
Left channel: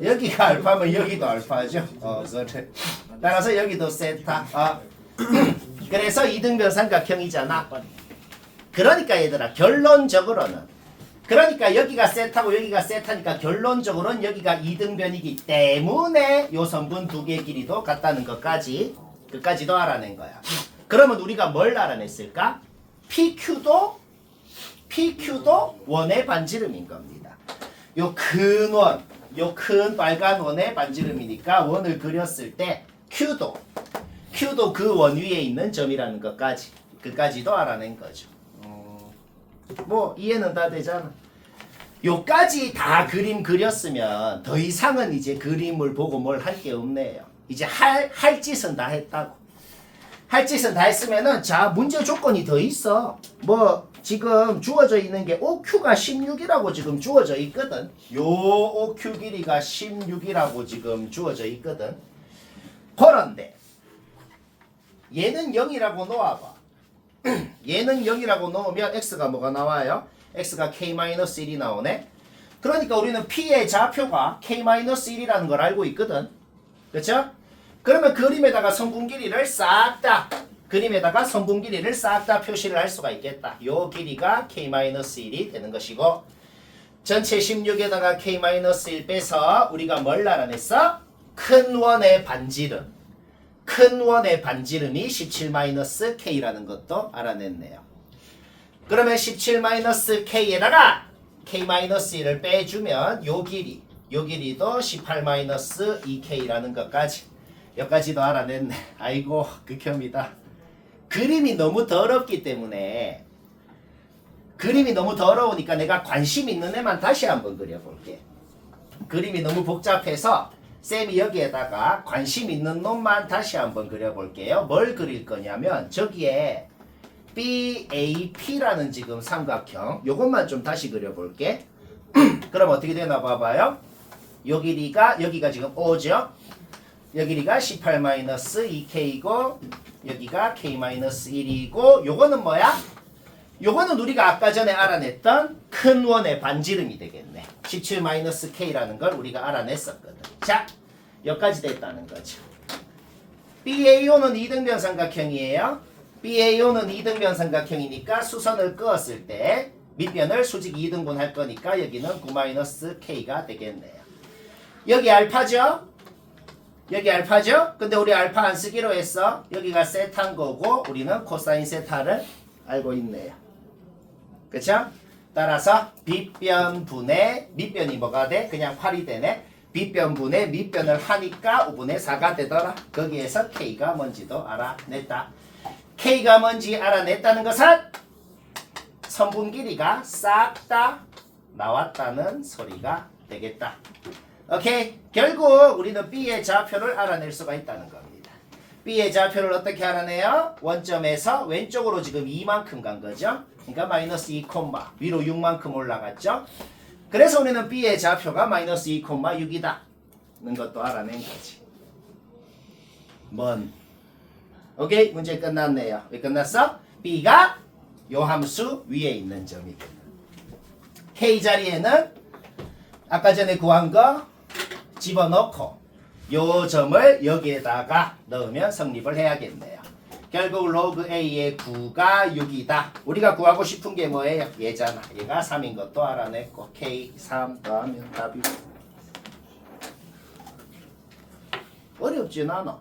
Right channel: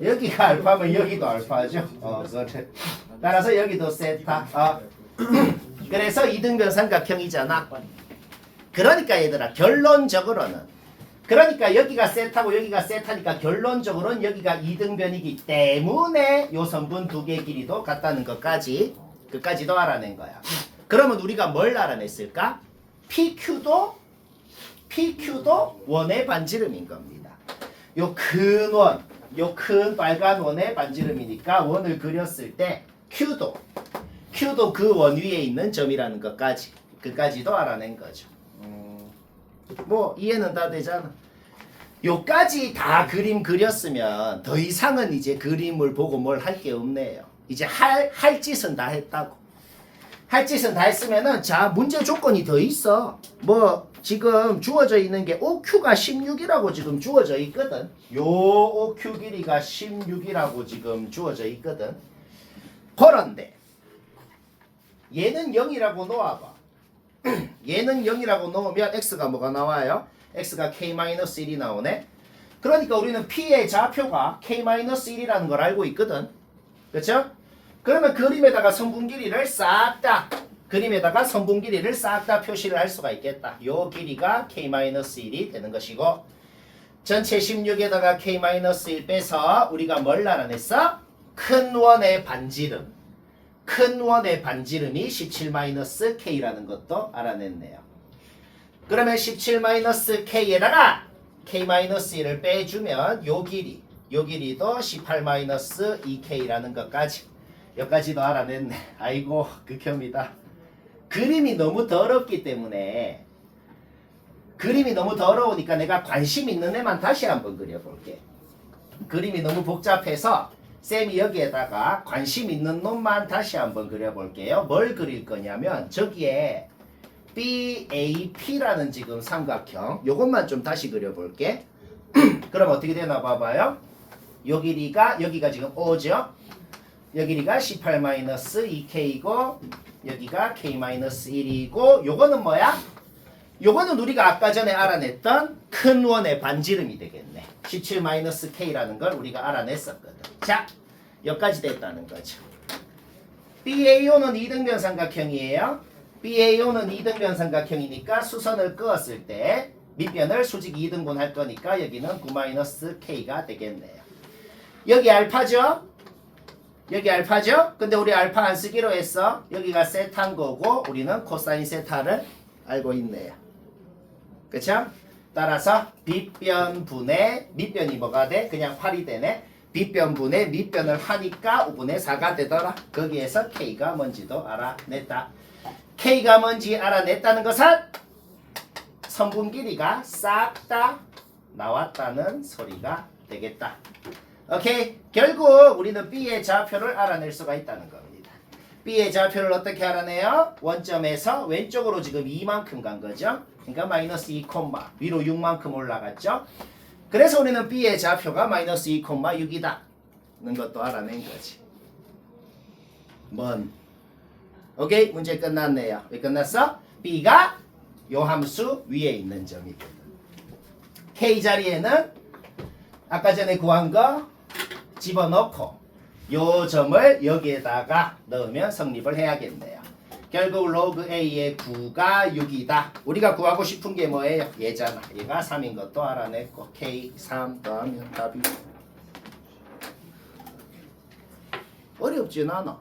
여기가 알파면 여기도 알파죠. 그래. 따라서 여기도 세타. 그래서 이등변 삼각형이잖아. 그러니까 얘들아 결론적으로는 그러니까 여기가 세타고 여기가 세타니까 결론적으로는 여기가 이등변이기 때문에 요 선분 두 개 길이도 같다는 끝까지도 알아낸 거야. 그러면 우리가 뭘 알아냈을까? PQ도 원의 반지름인 겁니다. 요 큰 빨간 원의 반지름이니까 원을 그렸을 때 Q도 그 원 위에 있는 점이라는 끝까지도 알아낸 거죠. 뭐 이해는 다 되잖아. 요까지 다 그림 그렸으면 더 이상은 이제 그림을 보고 뭘 할 게 없네요. 이제 할 짓은 다 했다고. 할 짓은 다 했으면은 자 문제 조건이 더 있어. 뭐 지금 주어져 있는 게 OQ가 16이라고 지금 주어져 있거든. 요 OQ 길이가 16이라고 지금 주어져 있거든. 그런데 얘는 0이라고 놓아봐. 얘는 0이라고 놓으면 x가 뭐가 나와요? x가 k-1이 나오네. 그러니까 우리는 p의 좌표가 k-1이라는 걸 알고 있거든. 그렇죠? 그러면 그림에다가 선분 길이를 싹 다 표시를 할 수가 있겠다. 요 길이가 k-1이 되는 것이고 전체 16에다가 k-1 빼서 우리가 뭘 알아냈어? 큰 원의 반지름. 큰 원의 반지름이 17-k라는 것도 알아냈네요. 그러면 17-k에다가 k-1을 빼주면 요 길이도 18-2k라는 것까지 여기까지도 알아냈네. 아이고 극혐이다. 그림이 너무 더럽기 때문에 그림이 너무 더러우니까 내가 관심 있는 애만 다시 한번 그려볼게. 그림이 너무 복잡해서 쌤이 여기에다가 관심 있는 놈만 다시 한번 그려볼게요. 뭘 그릴 거냐면 저기에 BAP라는 지금 삼각형 요것만 좀 다시 그려볼게. 그럼 어떻게 되나 봐봐요. 요 길이가 여기가 지금 O죠. 요 길이가 18-2K이고 여기가 K-1이고 요거는 뭐야? 요거는 우리가 아까 전에 알아냈던 큰 원의 반지름이 되겠네. 17-K라는 걸 우리가 알아냈었거든. 자, 여기까지 됐다는 거죠. BAO는 이등변 삼각형이에요. BAO는 이등변 삼각형이니까 수선을 그었을 때 밑변을 수직 2등분 할 거니까 여기는 9-K가 되겠네요. 여기 알파죠? 여기 알파죠? 근데 우리 알파 안 쓰기로 했어. 여기가 세타인 거고 우리는 코사인 세타를 알고 있네요. 그쵸? 따라서 빗변분의 밑변이 뭐가 돼? 그냥 활이 되네. 빗변분의 밑변을 하니까 5분의 4가 되더라. 거기에서 K가 뭔지도 알아냈다. K가 뭔지 알아냈다는 것은 선분 길이가 싹 다 나왔다는 소리가 되겠다. 오케이. 결국 우리는 B의 좌표를 알아낼 수가 있다는 겁니다. B의 좌표를 어떻게 알아내요? 원점에서 왼쪽으로 지금 2만큼 간 거죠. 그러니까 마이너스 2, 위로 6만큼 올라갔죠. 그래서 우리는 B의 좌표가 마이너스 2, 6이다. 는 것도 알아낸 거지. 오케이. 문제 끝났네요. 왜 끝났어? B가 요 함수 위에 있는 점이거든. K 자리에는 아까 전에 구한 거 집어넣고 요 점을 여기에다가 넣으면 성립을 해야겠네요. 결국 로그 A의 9가 6이다. 우리가 구하고 싶은 게 뭐예요? 얘잖아. 얘가 3인 것도 알아냈고 K 3 더하면 답이 어렵진 않아.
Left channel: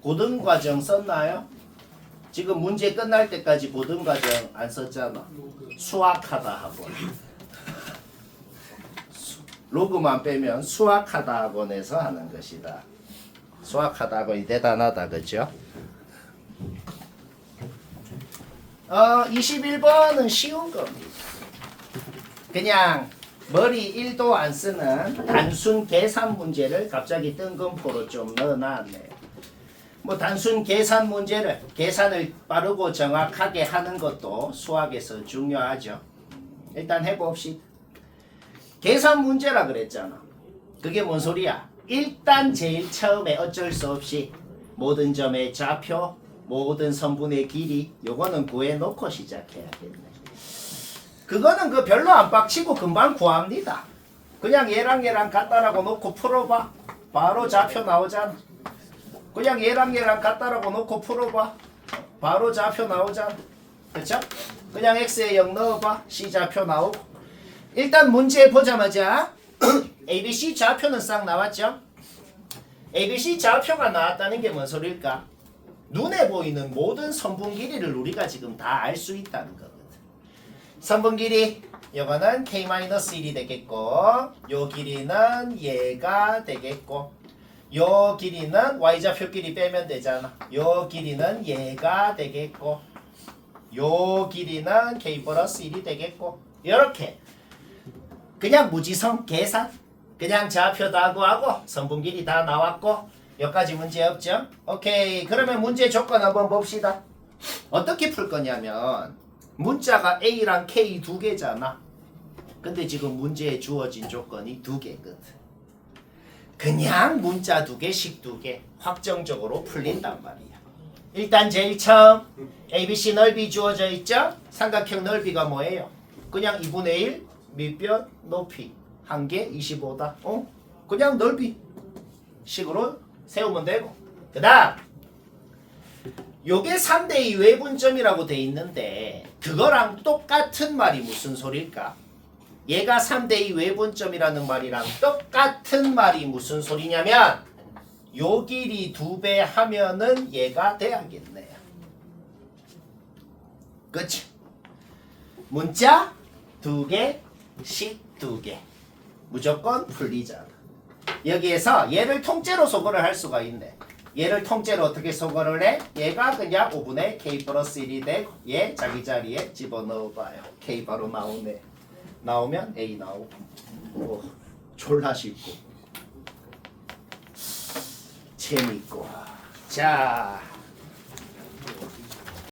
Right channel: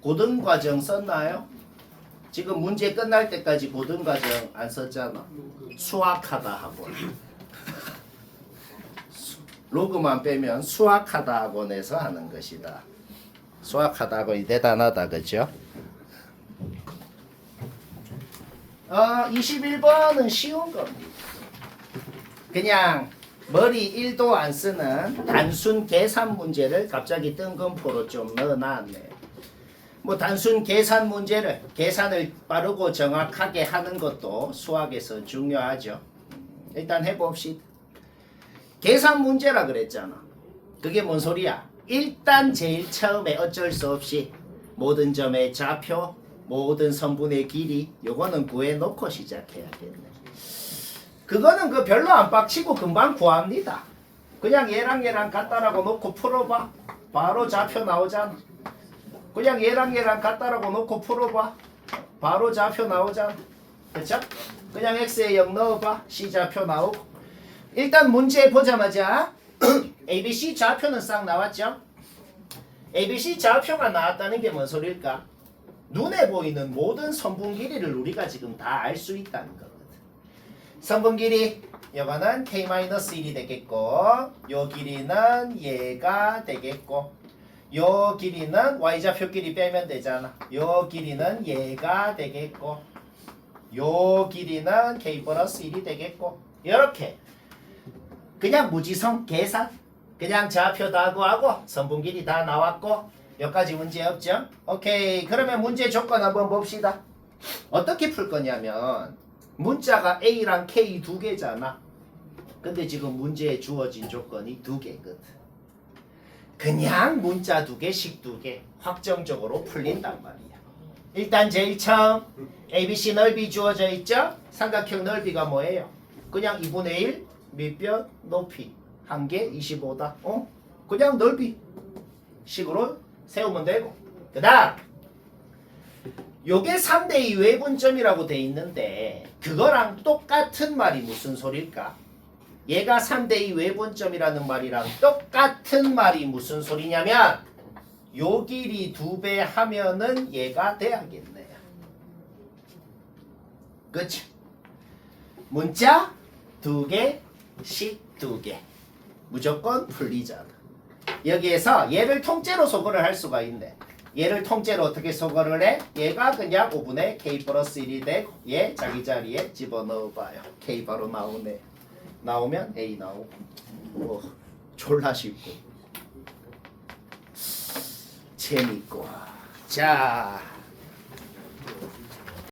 고등과정 썼나요? 지금 문제 끝날 때까지 고등과정 안 썼잖아. 수학하다 학원. 로그만 빼면 수학하다 학원에서 하는 것이다. 수학하다 학원이 대단하다. 그죠? 21번은 쉬운 겁니다. 그냥 머리 1도 안 쓰는 단순 계산 문제를 갑자기 뜬금포로 좀 넣어놨네요. 뭐 단순 계산 문제를 계산을 빠르고 정확하게 하는 것도 수학에서 중요하죠. 일단 해봅시다. 계산 문제라 그랬잖아. 그게 뭔 소리야? 일단 제일 처음에 어쩔 수 없이 모든 점의 좌표, 모든 선분의 길이 요거는 구해놓고 시작해야겠네. 그거는 그 별로 안 빡치고 금방 구합니다. 그냥 얘랑 같다라고 놓고 풀어봐. 바로 좌표 나오잖아. 그냥 얘랑 같다라고 놓고 풀어봐. 바로 좌표 나오잖아. 그쵸? 그냥 x에 0 넣어봐. c 좌표 나오고. 일단 문제 보자마자 ABC 좌표는 싹 나왔죠? ABC 좌표가 나왔다는 게 뭔 소리일까? 눈에 보이는 모든 선분 길이를 우리가 지금 다 알 수 있다는 거거든. 선분 길이 이거는 K-1이 되겠고 요 길이는 얘가 되겠고 요 길이는 Y좌표 길이 빼면 되잖아. 요 길이는 얘가 되겠고 요 길이는 K+1이 되겠고 이렇게 그냥 무지성 계산. 그냥 좌표도 하고 선분길이 다 나왔고 여기까지 문제 없죠? 오케이. 그러면 문제 조건 한번 봅시다. 어떻게 풀 거냐면 문자가 A랑 K 두 개잖아. 근데 지금 문제에 주어진 조건이 두 개거든. 그냥 문자 두 개씩 두 개 확정적으로 풀린단 말이야. 일단 제일 처음 ABC 넓이 주어져 있죠? 삼각형 넓이가 뭐예요? 그냥 2분의 1 밑변 높이 한 개 25다. 그냥 넓이 식으로 세우면 되고. 그 다음 요게 3대2 외분점이라고 돼 있는데 그거랑 똑같은 말이 무슨 소릴까? 얘가 3대2 외분점이라는 말이랑 똑같은 말이 무슨 소리냐면 요 길이 2배 하면은 얘가 돼야겠네. 그치? 문자 2개씩 2개 무조건 풀리잖아. 여기에서 얘를 통째로 소거를 할 수가 있네. 얘를 통째로 어떻게 소거를 해? 얘가 그냥 5분의 k 플러스 1이 되고 얘 자기 자리에 집어넣어봐요. k 바로 나오네. 나오면 a 나오고 졸라 쉽고 재밌고. 자